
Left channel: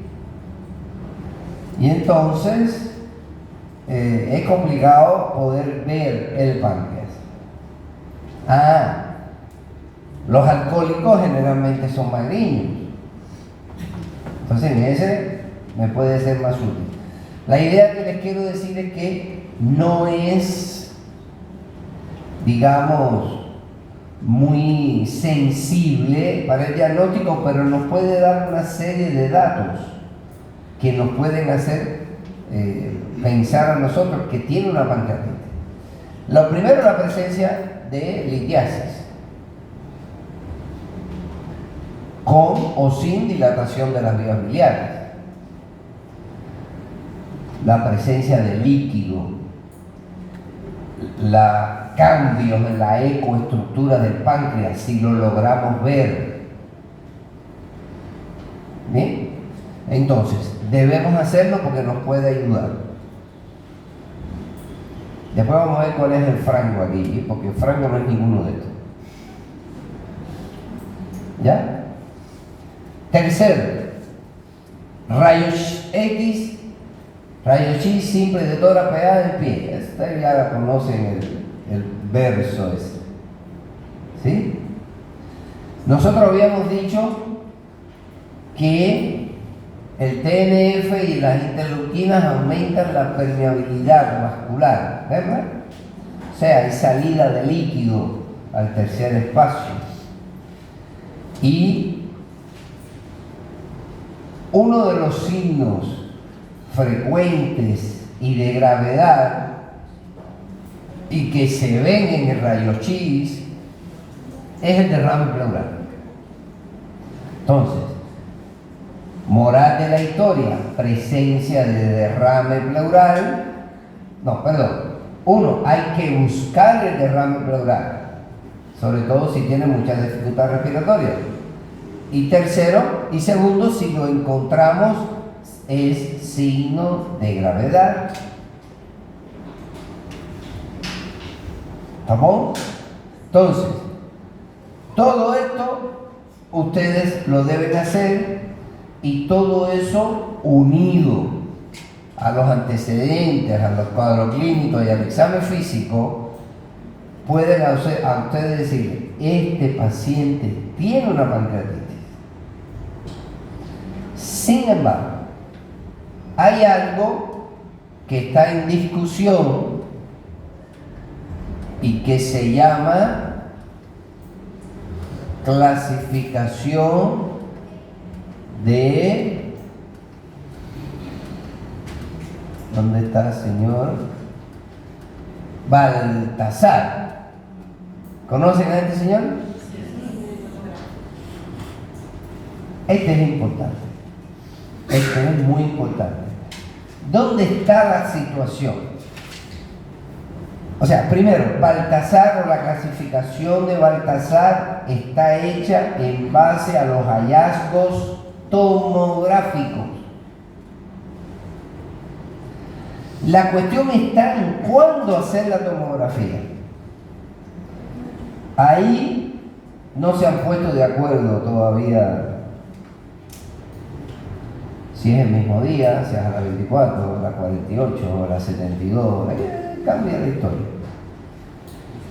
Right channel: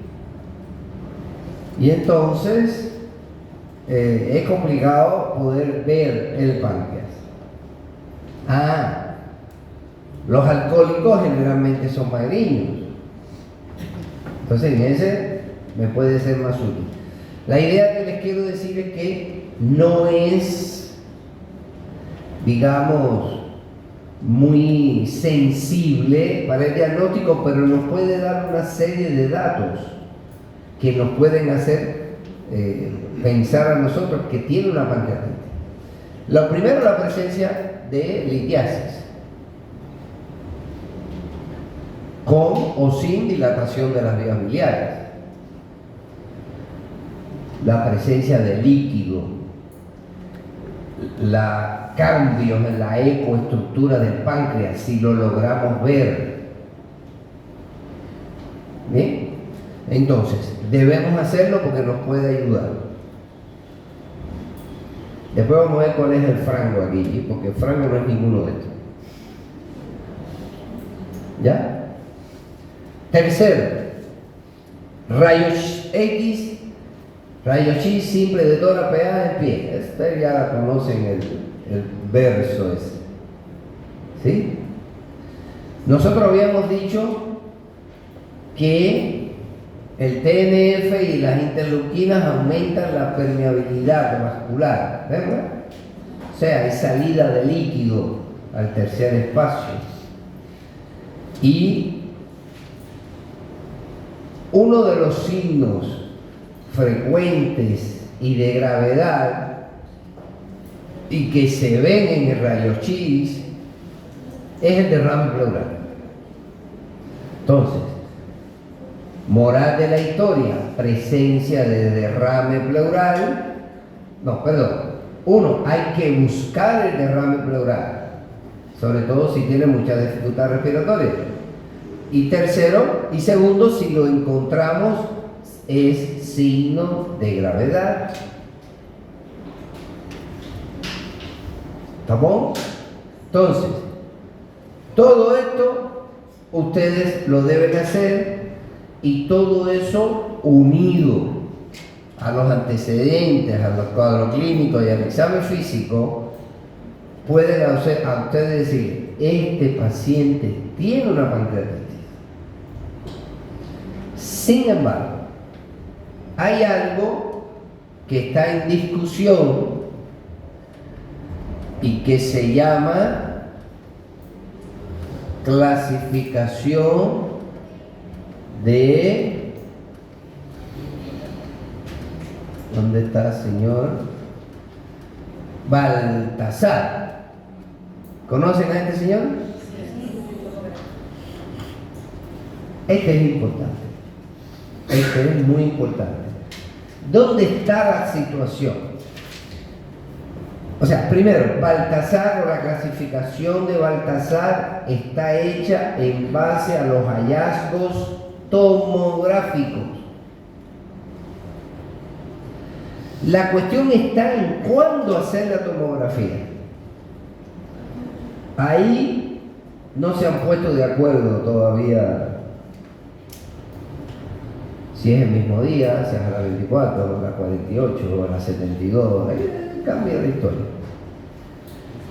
y entonces es complicado poder ver el páncreas. Los alcohólicos generalmente son magriños, entonces en ese me puede ser más útil. La idea que les quiero decir es que no es, digamos, muy sensible para el diagnóstico, pero nos puede dar una serie de datos que nos pueden hacer pensar a nosotros que tiene una pancreatitis. Lo primero, la presencia de litiasis. con o sin dilatación de las vías biliares. La presencia de líquido, cambios en la ecoestructura del páncreas, si lo logramos ver. ¿Bien? Entonces, debemos hacerlo porque nos puede ayudar. Después vamos a ver cuál es el frango aquí, porque el frango no es ninguno de estos. ¿Ya? Tercero, rayos X, rayos X simple de toda la pegada del pie. Ustedes ya conocen el verso ese. ¿Sí? Nosotros habíamos dicho que el TNF y las interleuquinas aumentan la permeabilidad vascular, ¿verdad? O sea, hay salida de líquido al tercer espacio. Y uno de los signos frecuentes y de gravedad y que se ven en el rayo X es el derrame pleural. Entonces, moral de la historia, presencia de derrame pleural. No, perdón. Uno, hay que buscar el derrame pleural, sobre todo si tiene mucha dificultad respiratoria. Y tercero, y segundo, si lo encontramos, es signo de gravedad. ¿Estamos? Entonces, todo esto ustedes lo deben hacer, y todo eso unido a los antecedentes, a los cuadros clínicos y al examen físico, pueden a ustedes decir: este paciente tiene una pancreatitis. Sin embargo, hay algo que está en discusión y que se llama clasificación de... ¿Dónde está, señor? Baltasar. ¿Conocen a este señor? Este es importante. Este es muy importante. ¿Dónde está la situación? O sea, primero, Baltasar, o la clasificación de Baltasar, está hecha en base a los hallazgos tomográficos. La cuestión está en cuándo hacer la tomografía. Ahí no se han puesto de acuerdo todavía si es el mismo día, si es a las 24, a las 48, a las 72, cambia la historia.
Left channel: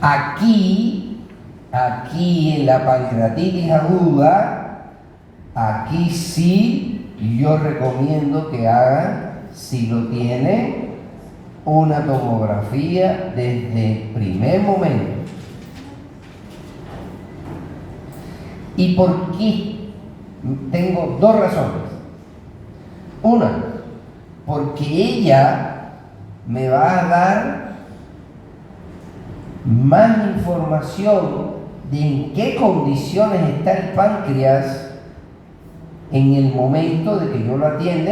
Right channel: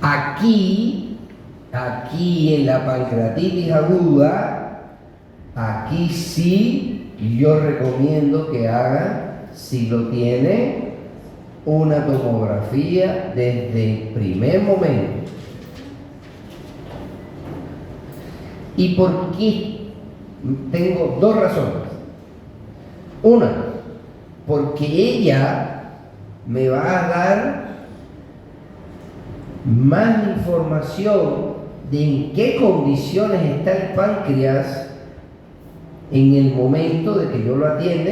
Aquí en la pancreatitis aguda, aquí sí yo recomiendo que hagan, si lo tiene, una tomografía desde el primer momento. ¿Y por qué? Tengo dos razones. Una, porque ella me va a dar más información de en qué condiciones está el páncreas en el momento de que yo lo atienda,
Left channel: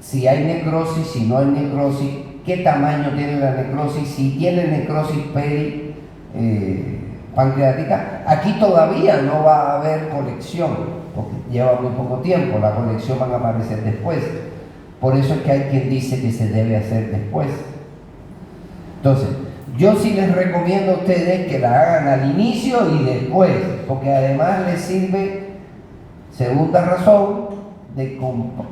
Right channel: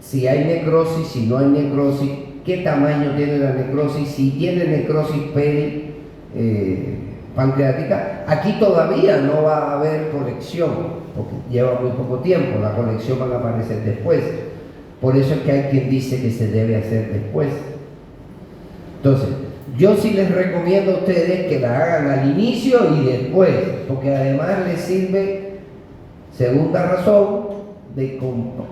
si hay necrosis, si no hay necrosis, qué tamaño tiene la necrosis, si tiene necrosis pancreática. Aquí todavía no va a haber colección, porque lleva muy poco tiempo, la colección va a aparecer después. Por eso es que hay quien dice que se debe hacer después. Entonces, yo sí les recomiendo a ustedes que la hagan al inicio y después, porque además les sirve, segunda razón,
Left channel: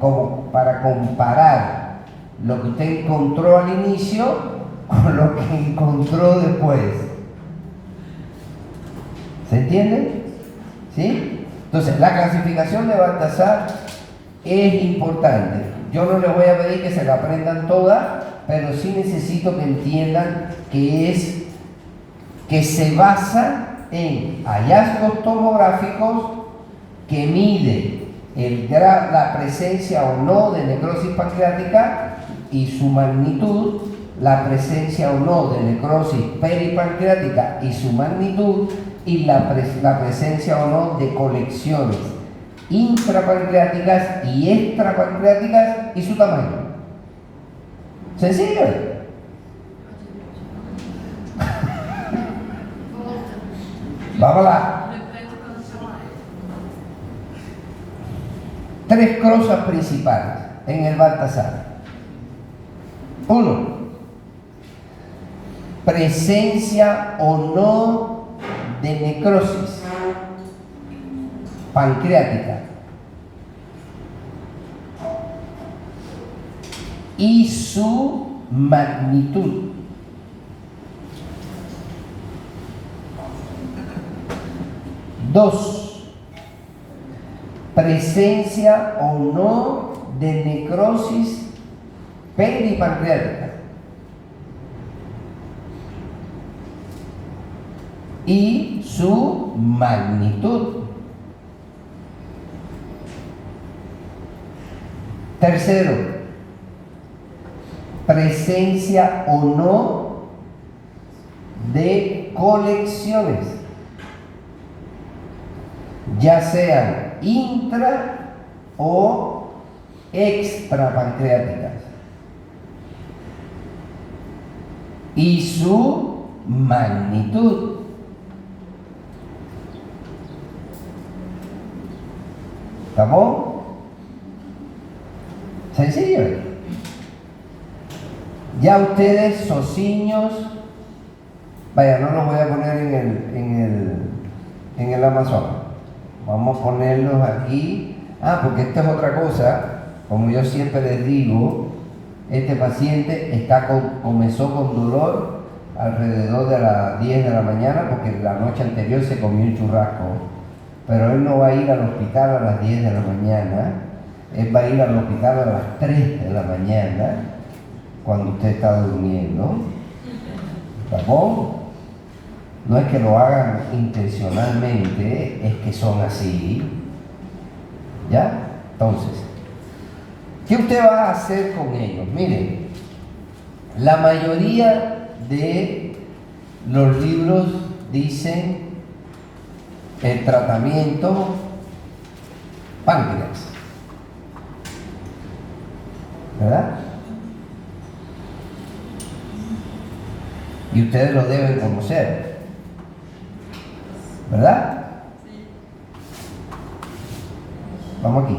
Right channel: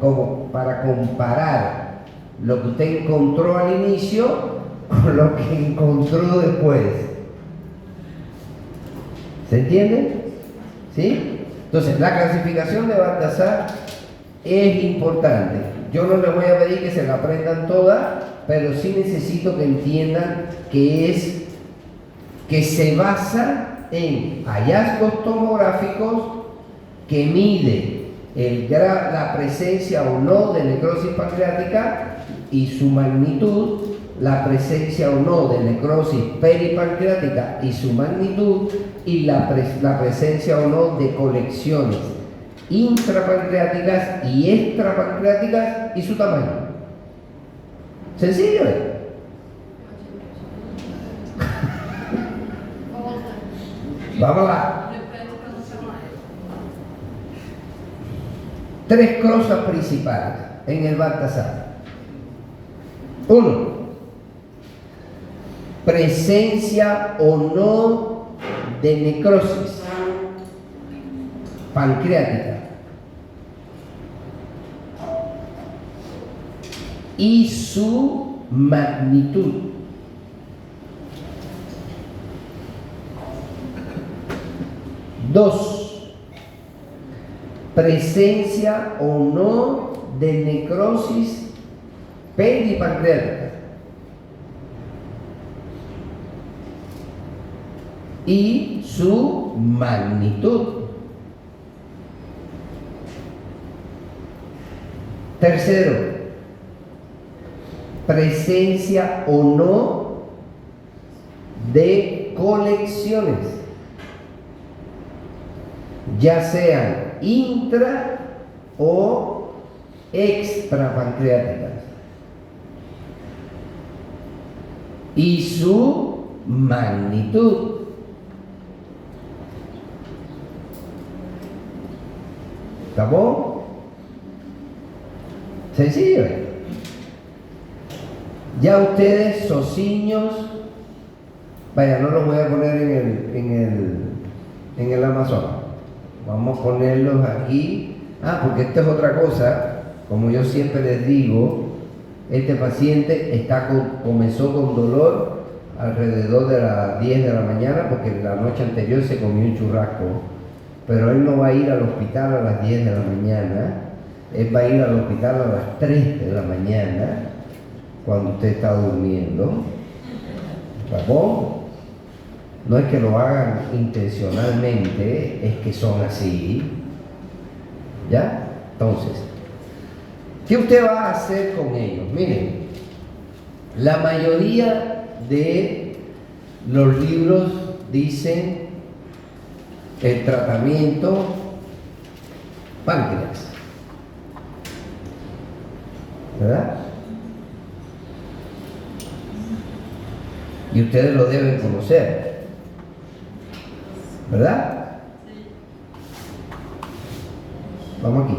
como para comparar lo que usted encontró al inicio con lo que encontró después. ¿Se entiende? ¿Sí? Entonces, la clasificación de Baltasar es importante. Yo no les voy a pedir que se la aprendan toda, pero sí necesito que entiendan que se basa en hallazgos tomográficos que mide la presencia o no de necrosis pancreática y su magnitud, la presencia o no de necrosis peripancreática y su magnitud, y la presencia o no de colecciones intrapancreáticas y extrapancreáticas y su tamaño. Sencillo. Vamos lá. Tres cosas principales en el Baltasar. 1. Presencia o no de necrosis pancreática y su magnitud. 2. Presencia o no de necrosis peripancreática y su magnitud. 3. Presencia o no de colecciones, ya sean intra o extrapancreáticas, y su magnitud. ¿Estamos? Sencillo. Ya ustedes, sociños, vaya, no los voy a poner en el Amazon. Vamos a ponerlos aquí. Porque esta es otra cosa. Como yo siempre les digo, este paciente comenzó con dolor alrededor de las 10 de la mañana porque la noche anterior se comió un churrasco. Pero él no va a ir al hospital a las 10 de la mañana. Él va a ir al hospital a las 3 de la mañana, cuando usted está durmiendo. ¿Tampoco? No es que lo hagan intencionalmente, es que son así. ¿Ya? Entonces, ¿qué usted va a hacer con ellos? Miren, la mayoría de los libros dicen el tratamiento páncreas, ¿verdad? Y ustedes lo deben conocer, ¿verdad? Vamos aquí.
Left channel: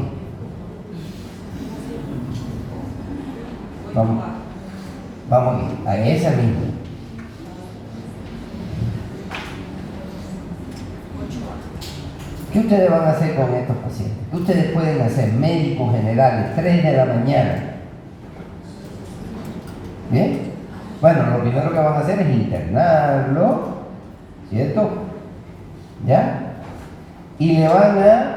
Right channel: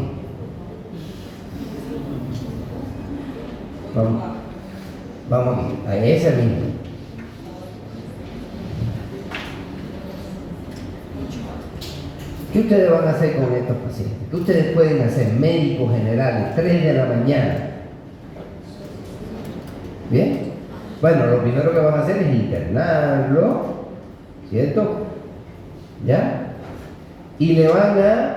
Vamos aquí, a esa misma. ¿Qué ustedes van a hacer con estos pacientes? ¿Qué ustedes pueden hacer? Médicos generales, 3 de la mañana. ¿Bien? Bueno, lo primero que van a hacer es internarlo, ¿cierto? ¿Ya? Y le van a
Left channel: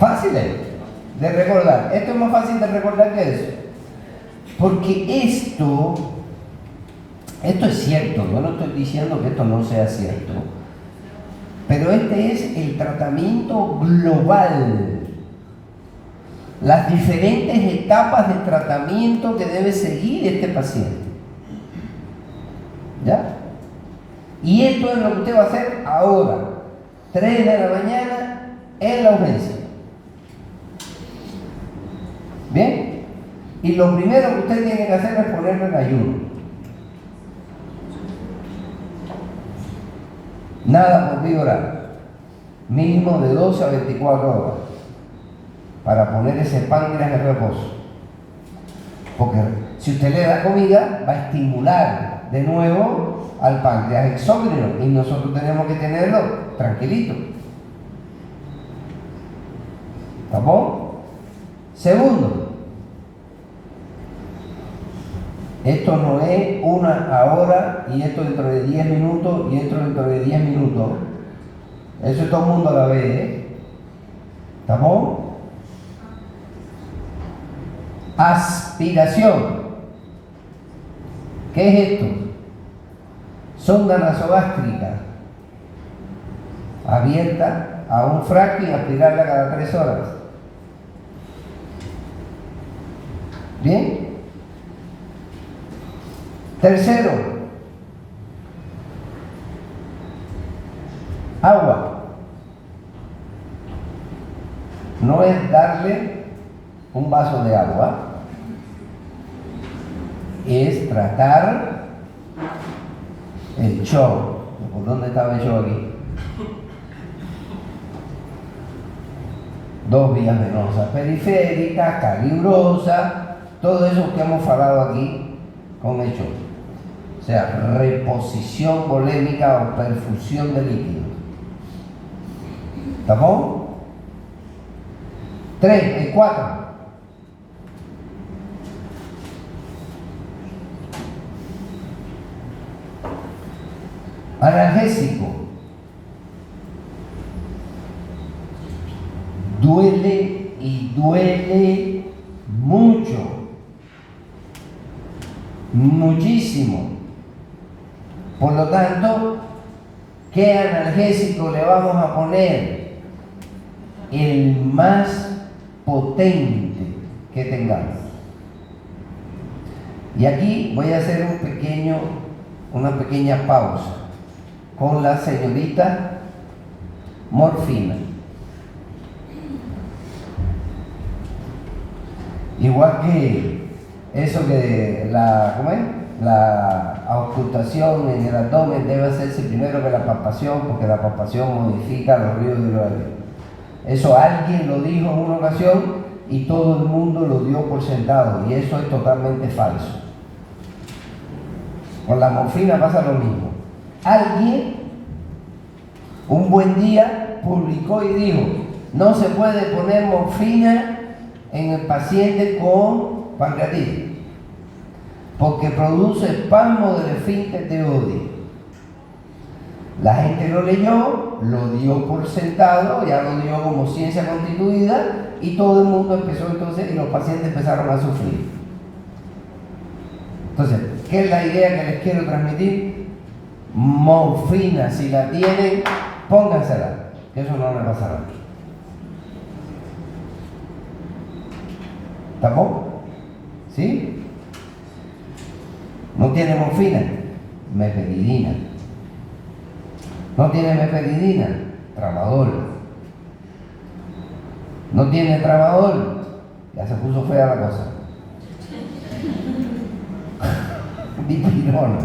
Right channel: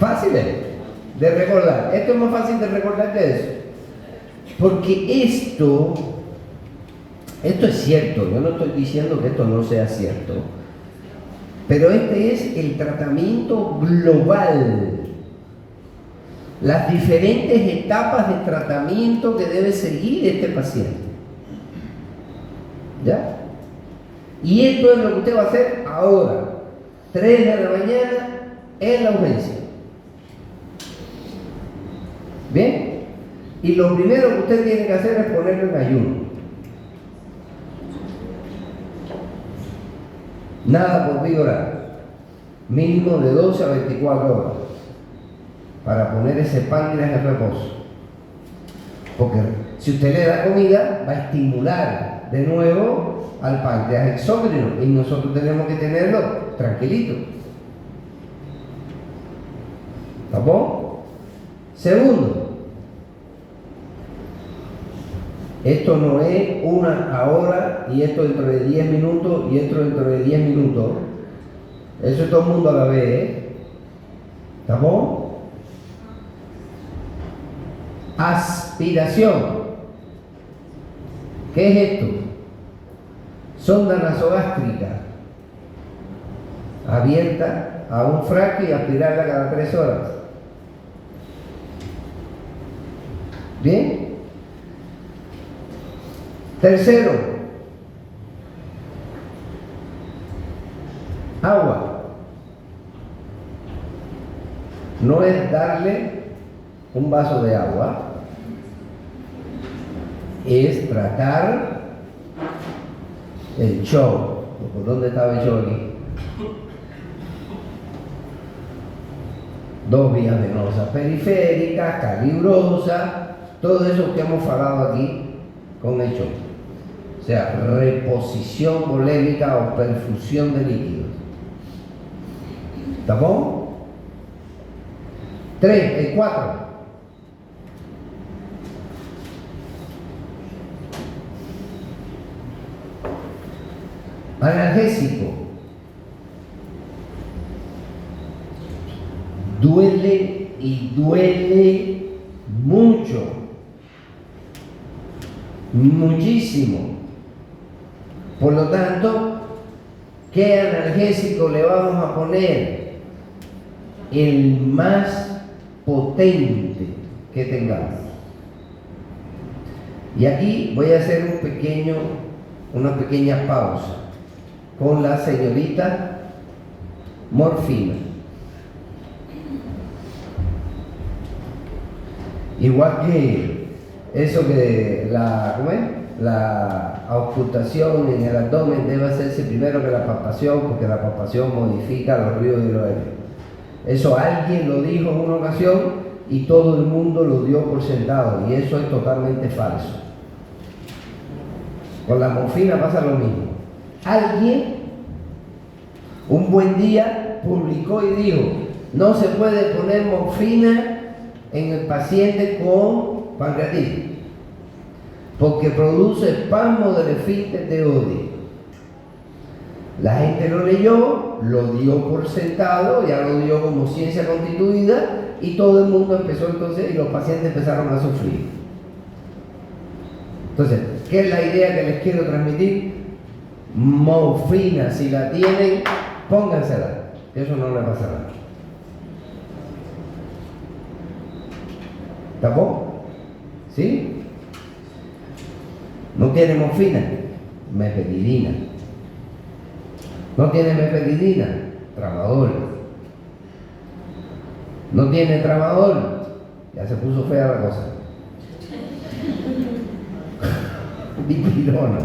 fácil de recordar. Esto es más fácil de recordar que eso. Porque esto es cierto. Yo no estoy diciendo que esto no sea cierto. Pero este es el tratamiento global. Las diferentes etapas de tratamiento que debe seguir este paciente. ¿Ya? Y esto es lo que usted va a hacer ahora. 3 de la mañana en la urgencia. ¿Bien? Y lo primero que usted tiene que hacer es ponerlo en ayuno. Nada por vibrar. Mínimo de 12 a 24 horas. Para poner ese páncreas en reposo. Porque si usted le da comida, va a estimular de nuevo al páncreas exócrino. Y nosotros tenemos que tenerlo tranquilito. ¿Estamos? Segundo, esto no es una ahora y esto dentro de 10 minutos y esto dentro de 10 minutos. Eso todo el mundo a la vez, ¿eh? ¿Estamos? Aspiración. ¿Qué es esto? Sonda nasogástrica abierta a un frasco y aspirarla cada 3 horas. ¿Bien? Tercero, agua. No es darle un vaso de agua, es tratar el show. ¿Por dónde estaba el show aquí? 2 vías venosas periféricas, calibrosas, todo eso que hemos hablado aquí con el show. O sea, reposición volémica o perfusión de líquidos. ¿Está bien? 4. Analgésico. Duele y duele mucho. Muchísimo. Por lo tanto, ¿qué analgésico le vamos a poner? El más potente que tengamos. Y aquí voy a hacer una pequeña pausa con la señorita morfina. Igual que eso que la auscultación en el abdomen debe hacerse primero que la palpación, porque la palpación modifica los ríos y los aéreos. Eso alguien lo dijo en una ocasión y todo el mundo lo dio por sentado, y eso es totalmente falso. Con la morfina pasa lo mismo. Alguien un buen día publicó y dijo: no se puede poner morfina en el paciente con pancreatitis porque produce espasmo del esfínter de Oddi. La gente lo leyó, lo dio por sentado, ya lo dio como ciencia constituida, y todo el mundo empezó entonces, y los pacientes empezaron a sufrir. Entonces, ¿qué es la idea que les quiero transmitir? Morfina, si la tienen, póngansela, que eso no le pasará. ¿Tampoco? ¿Sí? ¿No tiene morfina? Meperidina. ¿No tiene meperidina? Tramadol. ¿No tiene tramadol? Ya se puso fea la cosa. Dipirona.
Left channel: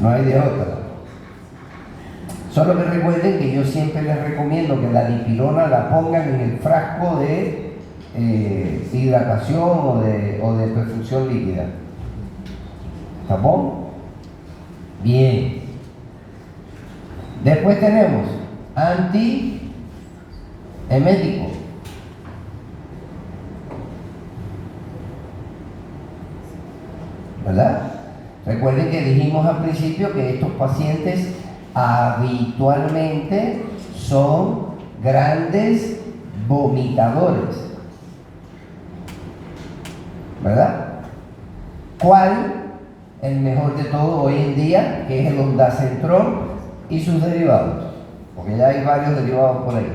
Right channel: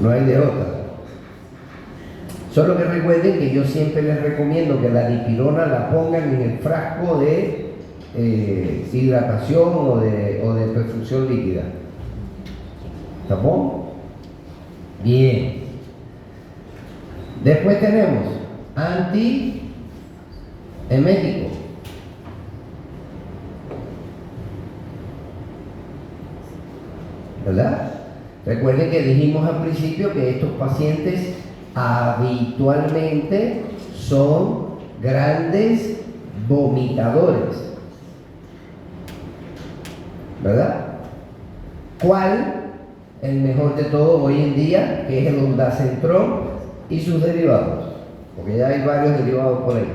No hay de otra. Solo que recuerden que yo siempre les recomiendo que la dipirona la pongan en el frasco de hidratación o de perfusión líquida. ¿Está bien? Bien. Después tenemos antiemético. ¿Verdad? Recuerden que dijimos al principio que estos pacientes habitualmente son grandes vomitadores. ¿Verdad? ¿Cuál? El mejor de todo hoy en día, que es el ondansetron y sus derivados, porque ya hay varios derivados por ahí.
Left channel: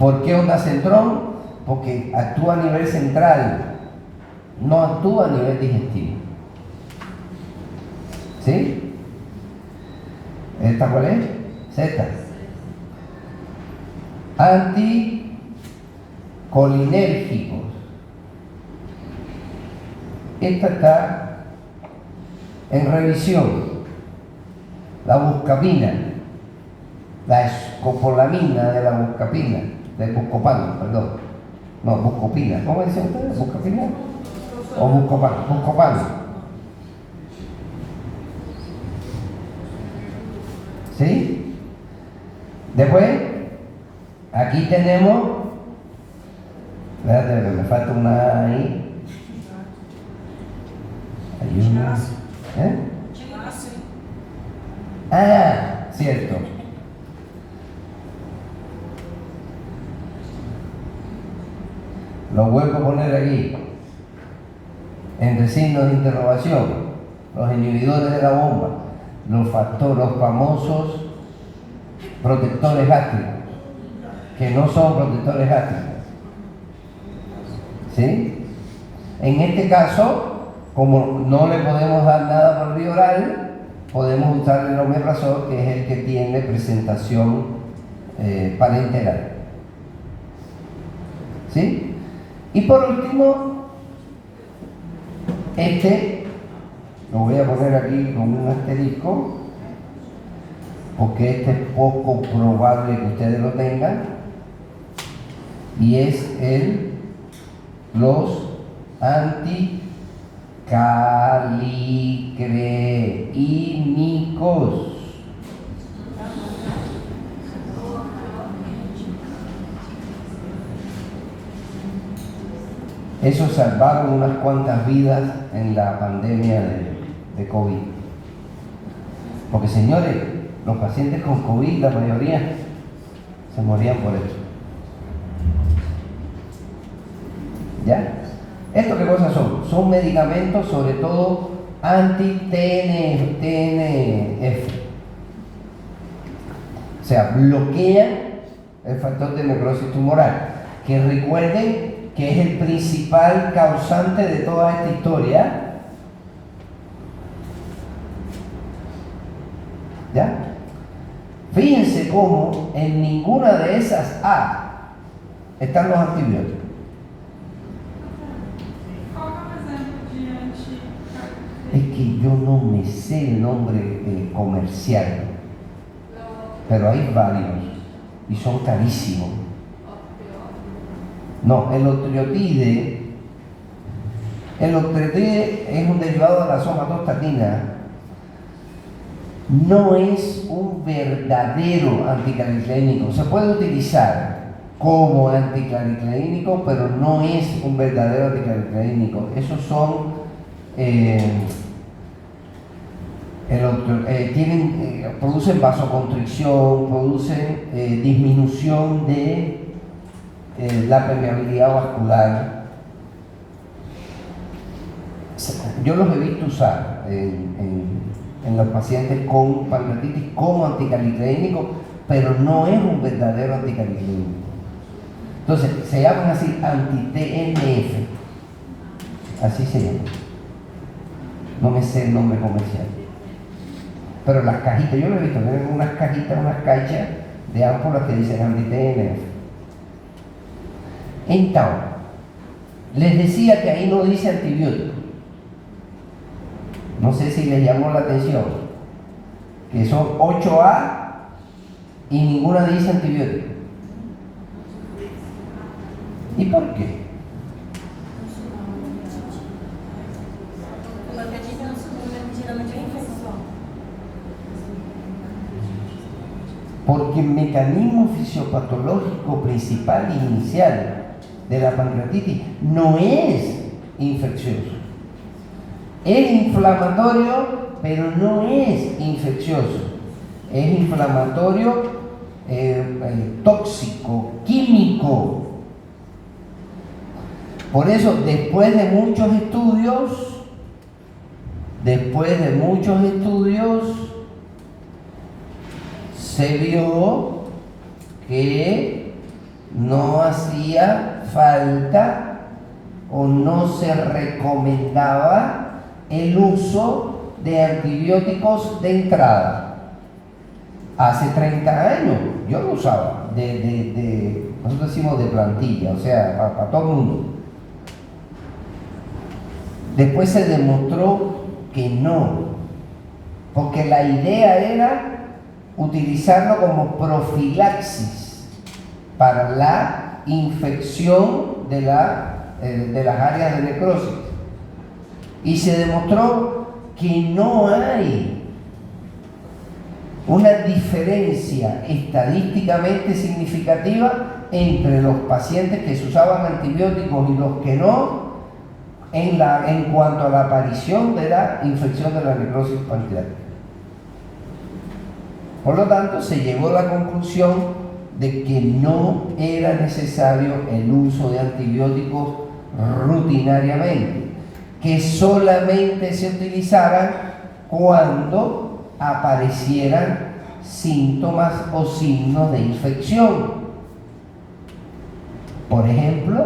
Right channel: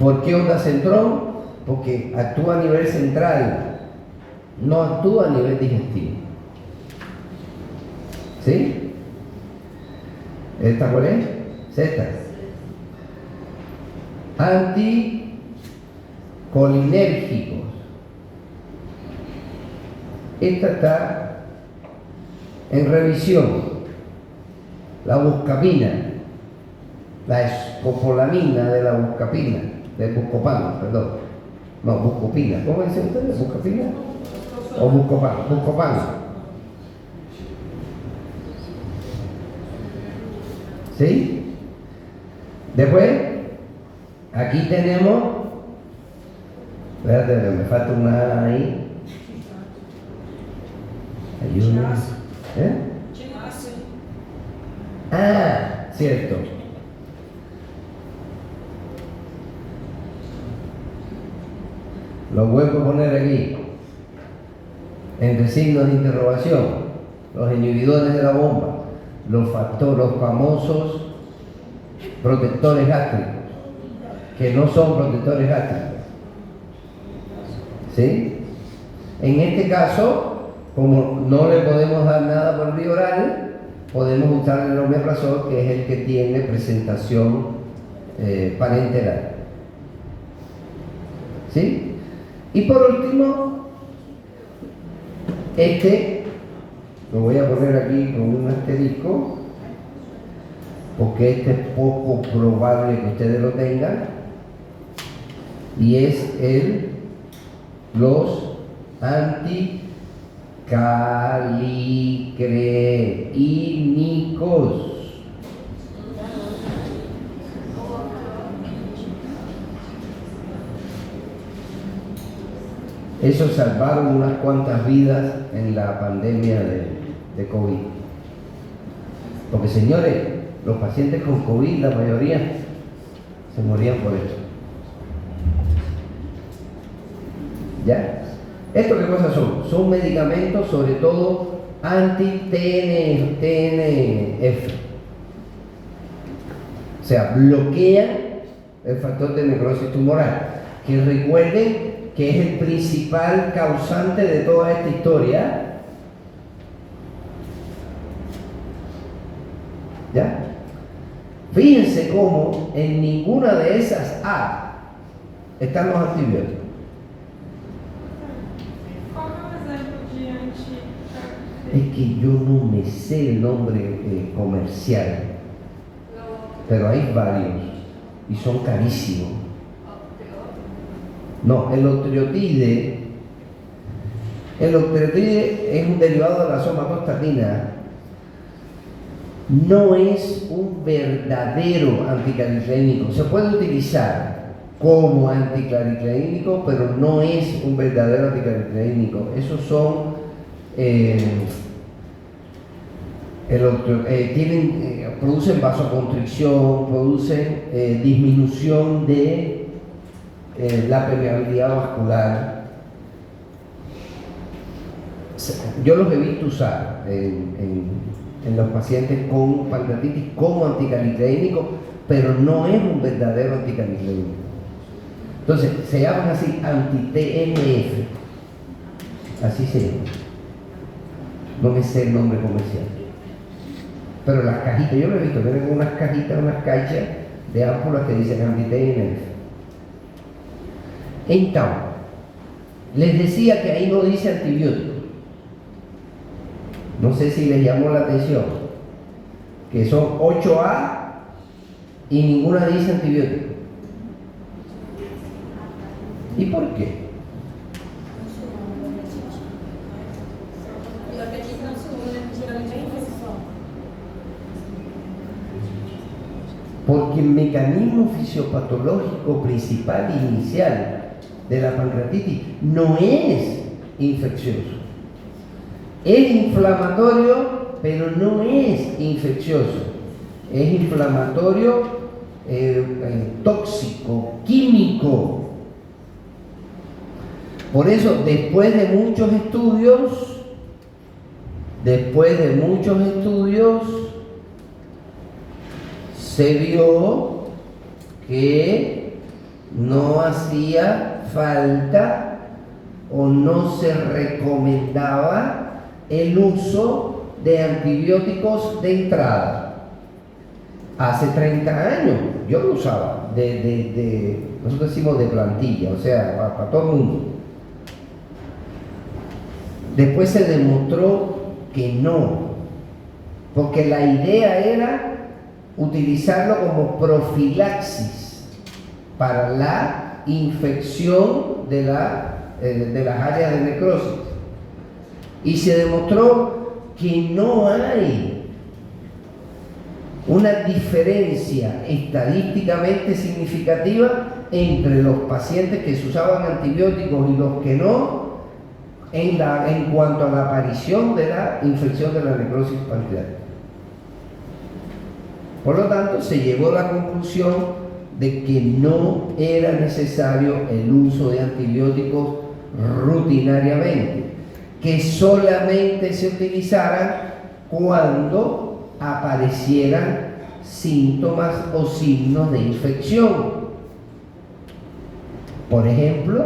¿Por qué ondansetron? Porque actúa a nivel central, no actúa a nivel digestivo. ¿Sí? ¿Esta cuál es? Esta. Anticolinérgicos. Esta está en revisión. La buscapina, la escopolamina de la buscapina, del buscopano, perdón. No, buscopina. ¿Cómo dicen ustedes? ¿Buscapina? ¿O buscopano? Buscopano. ¿Sí? Después, aquí tenemos, espérate, que me falta una ahí. Hay una. ¿Eh? Ah, cierto. Lo vuelvo a poner aquí, entre signos de interrogación, los inhibidores de la bomba. los famosos protectores gástricos, que no son protectores gástricos. ¿Sí? En este caso, como no le podemos dar nada por vía oral, podemos usar el omeprazol, que es el que tiene presentación parenteral. ¿Sí? Y por último, lo voy a poner aquí con un asterisco, porque es poco probable que ustedes lo tengan, y es los anticalicreínicos. Esos salvaron unas cuantas vidas en la pandemia de COVID. Porque, señores, los pacientes con COVID, la mayoría, se morían por eso. ¿Ya? ¿Esto qué cosas son? Son medicamentos, sobre todo anti-TNF. O sea, bloquean el factor de necrosis tumoral. Que recuerden que es el principal causante de toda esta historia. ¿Ya? Fíjense cómo en ninguna de esas A están los antibióticos. Es que yo no me sé el nombre comercial, pero hay varios y son carísimos. No, el octreotide es un derivado de la somatostatina. No es un verdadero anticlalicleínico. Se puede utilizar como anticlalicleínico, pero no es un verdadero anticlalicleínico. Esos son producen vasoconstricción, producen disminución de la permeabilidad vascular. Yo los he visto usar en los pacientes con pancreatitis como anticalicleínico, pero no es un verdadero anticalicleínico. Entonces, se llaman así anti-TNF. Así se llama. No me sé el nombre comercial. Pero las cajitas, yo lo he visto, tienen unas cajitas, unas caixas de ámpulas que dicen anti-TNF. Entonces, les decía que ahí no dice antibiótico. No sé si les llamó la atención, que son 8A y ninguna dice antibiótico. ¿Y por qué? Porque el mecanismo fisiopatológico principal e inicial de la pancreatitis no es infeccioso. Es inflamatorio, pero no es infeccioso. Es inflamatorio, tóxico, químico. Por eso, después de muchos estudios, se vio que no hacía falta o no se recomendaba el uso de antibióticos de entrada. Hace 30 años yo lo usaba, nosotros decimos de plantilla, o sea, para todo el mundo. Después se demostró que no, porque la idea era utilizarlo como profilaxis para la infección de las áreas de necrosis. Y se demostró que no hay una diferencia estadísticamente significativa entre los pacientes que se usaban antibióticos y los que no en cuanto a la aparición de la infección de la necrosis pancreática. Por lo tanto, se llegó a la conclusión de que no era necesario el uso de antibióticos rutinariamente, que solamente se utilizaran cuando aparecieran síntomas o signos de infección. Por ejemplo,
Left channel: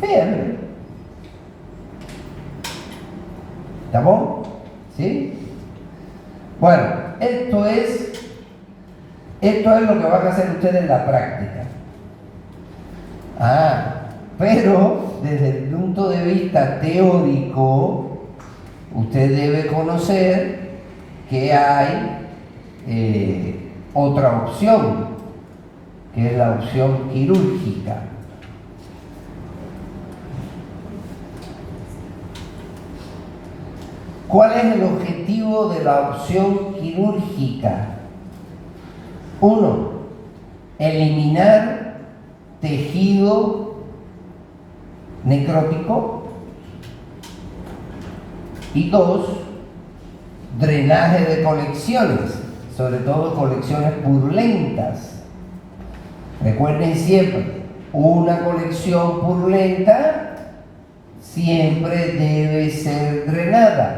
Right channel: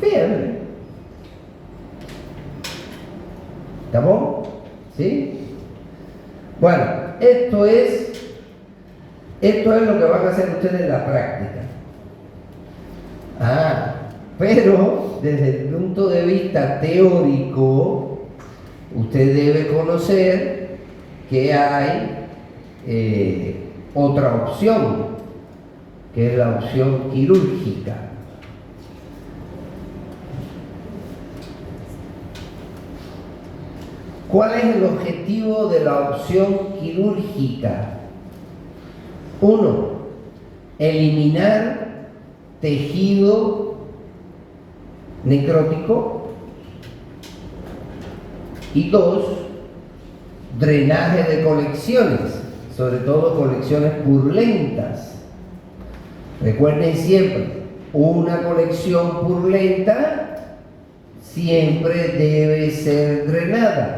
fiebre. ¿Estamos? ¿Sí? Bueno, esto es lo que van a hacer ustedes en la práctica. Pero desde el punto de vista teórico, usted debe conocer que hay otra opción, que es la opción quirúrgica. ¿Cuál es el objetivo de la opción quirúrgica? 1. Eliminar tejido necrótico. Y 2. Drenaje de colecciones, sobre todo colecciones purulentas. Recuerden siempre, una colección purulenta siempre debe ser drenada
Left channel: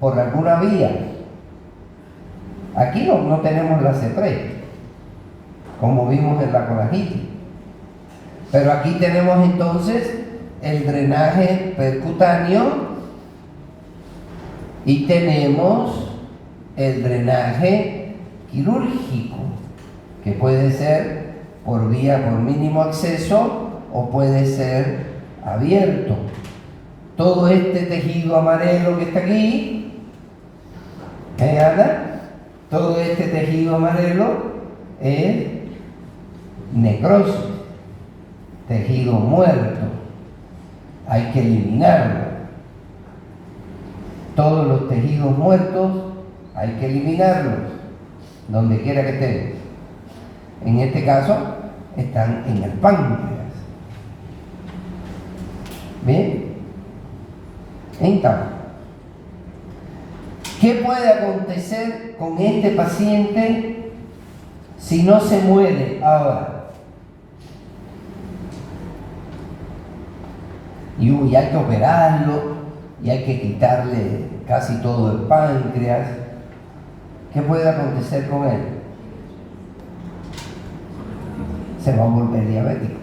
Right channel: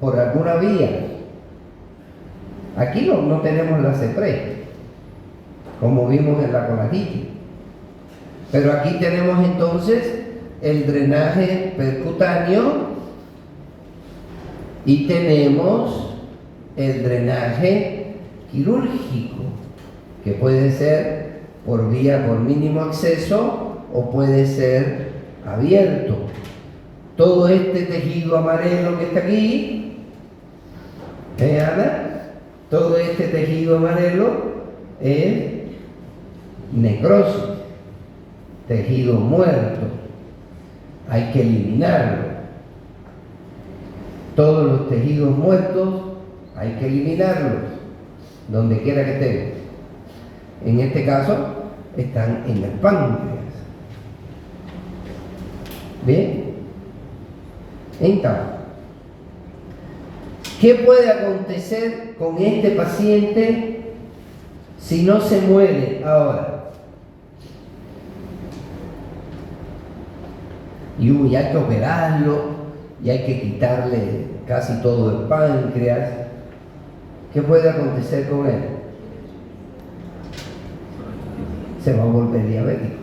por alguna vía. Aquí no tenemos la CEPRE, como vimos en la conagitis. Pero aquí tenemos entonces el drenaje percutáneo y tenemos el drenaje quirúrgico, que puede ser por mínimo acceso o puede ser abierto. Todo este tejido amarelo que está aquí, Ana? Todo este tejido amarelo es necrosis, tejido muerto. Hay que eliminarlo. Todos los tejidos muertos hay que eliminarlos, donde quiera que estén. En este caso, están en el páncreas. ¿Bien? Entonces, ¿qué puede acontecer con este paciente si no se muere ahora? Y hay que operarlo, y hay que quitarle casi todo el páncreas. ¿Qué puede acontecer con él? Se va a volver diabético.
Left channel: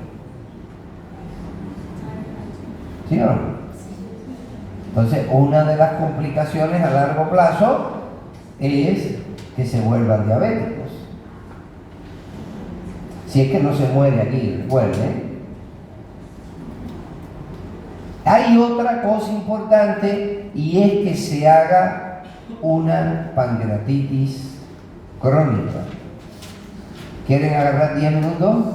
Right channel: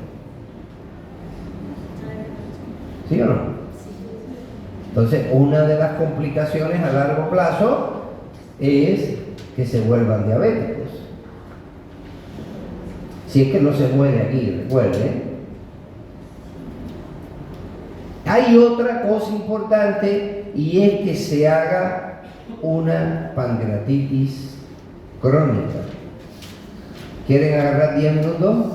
¿Sí o no? Entonces, una de las complicaciones a largo plazo es que se vuelvan diabéticos. Si es que no se muere aquí después, Hay otra cosa importante y es que se haga una pancreatitis crónica. ¿Quieren agarrar 10 minutos?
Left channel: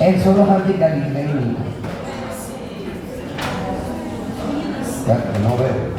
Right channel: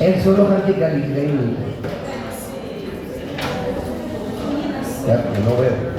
Esos son los anticaliclénicos. Ya, no veo.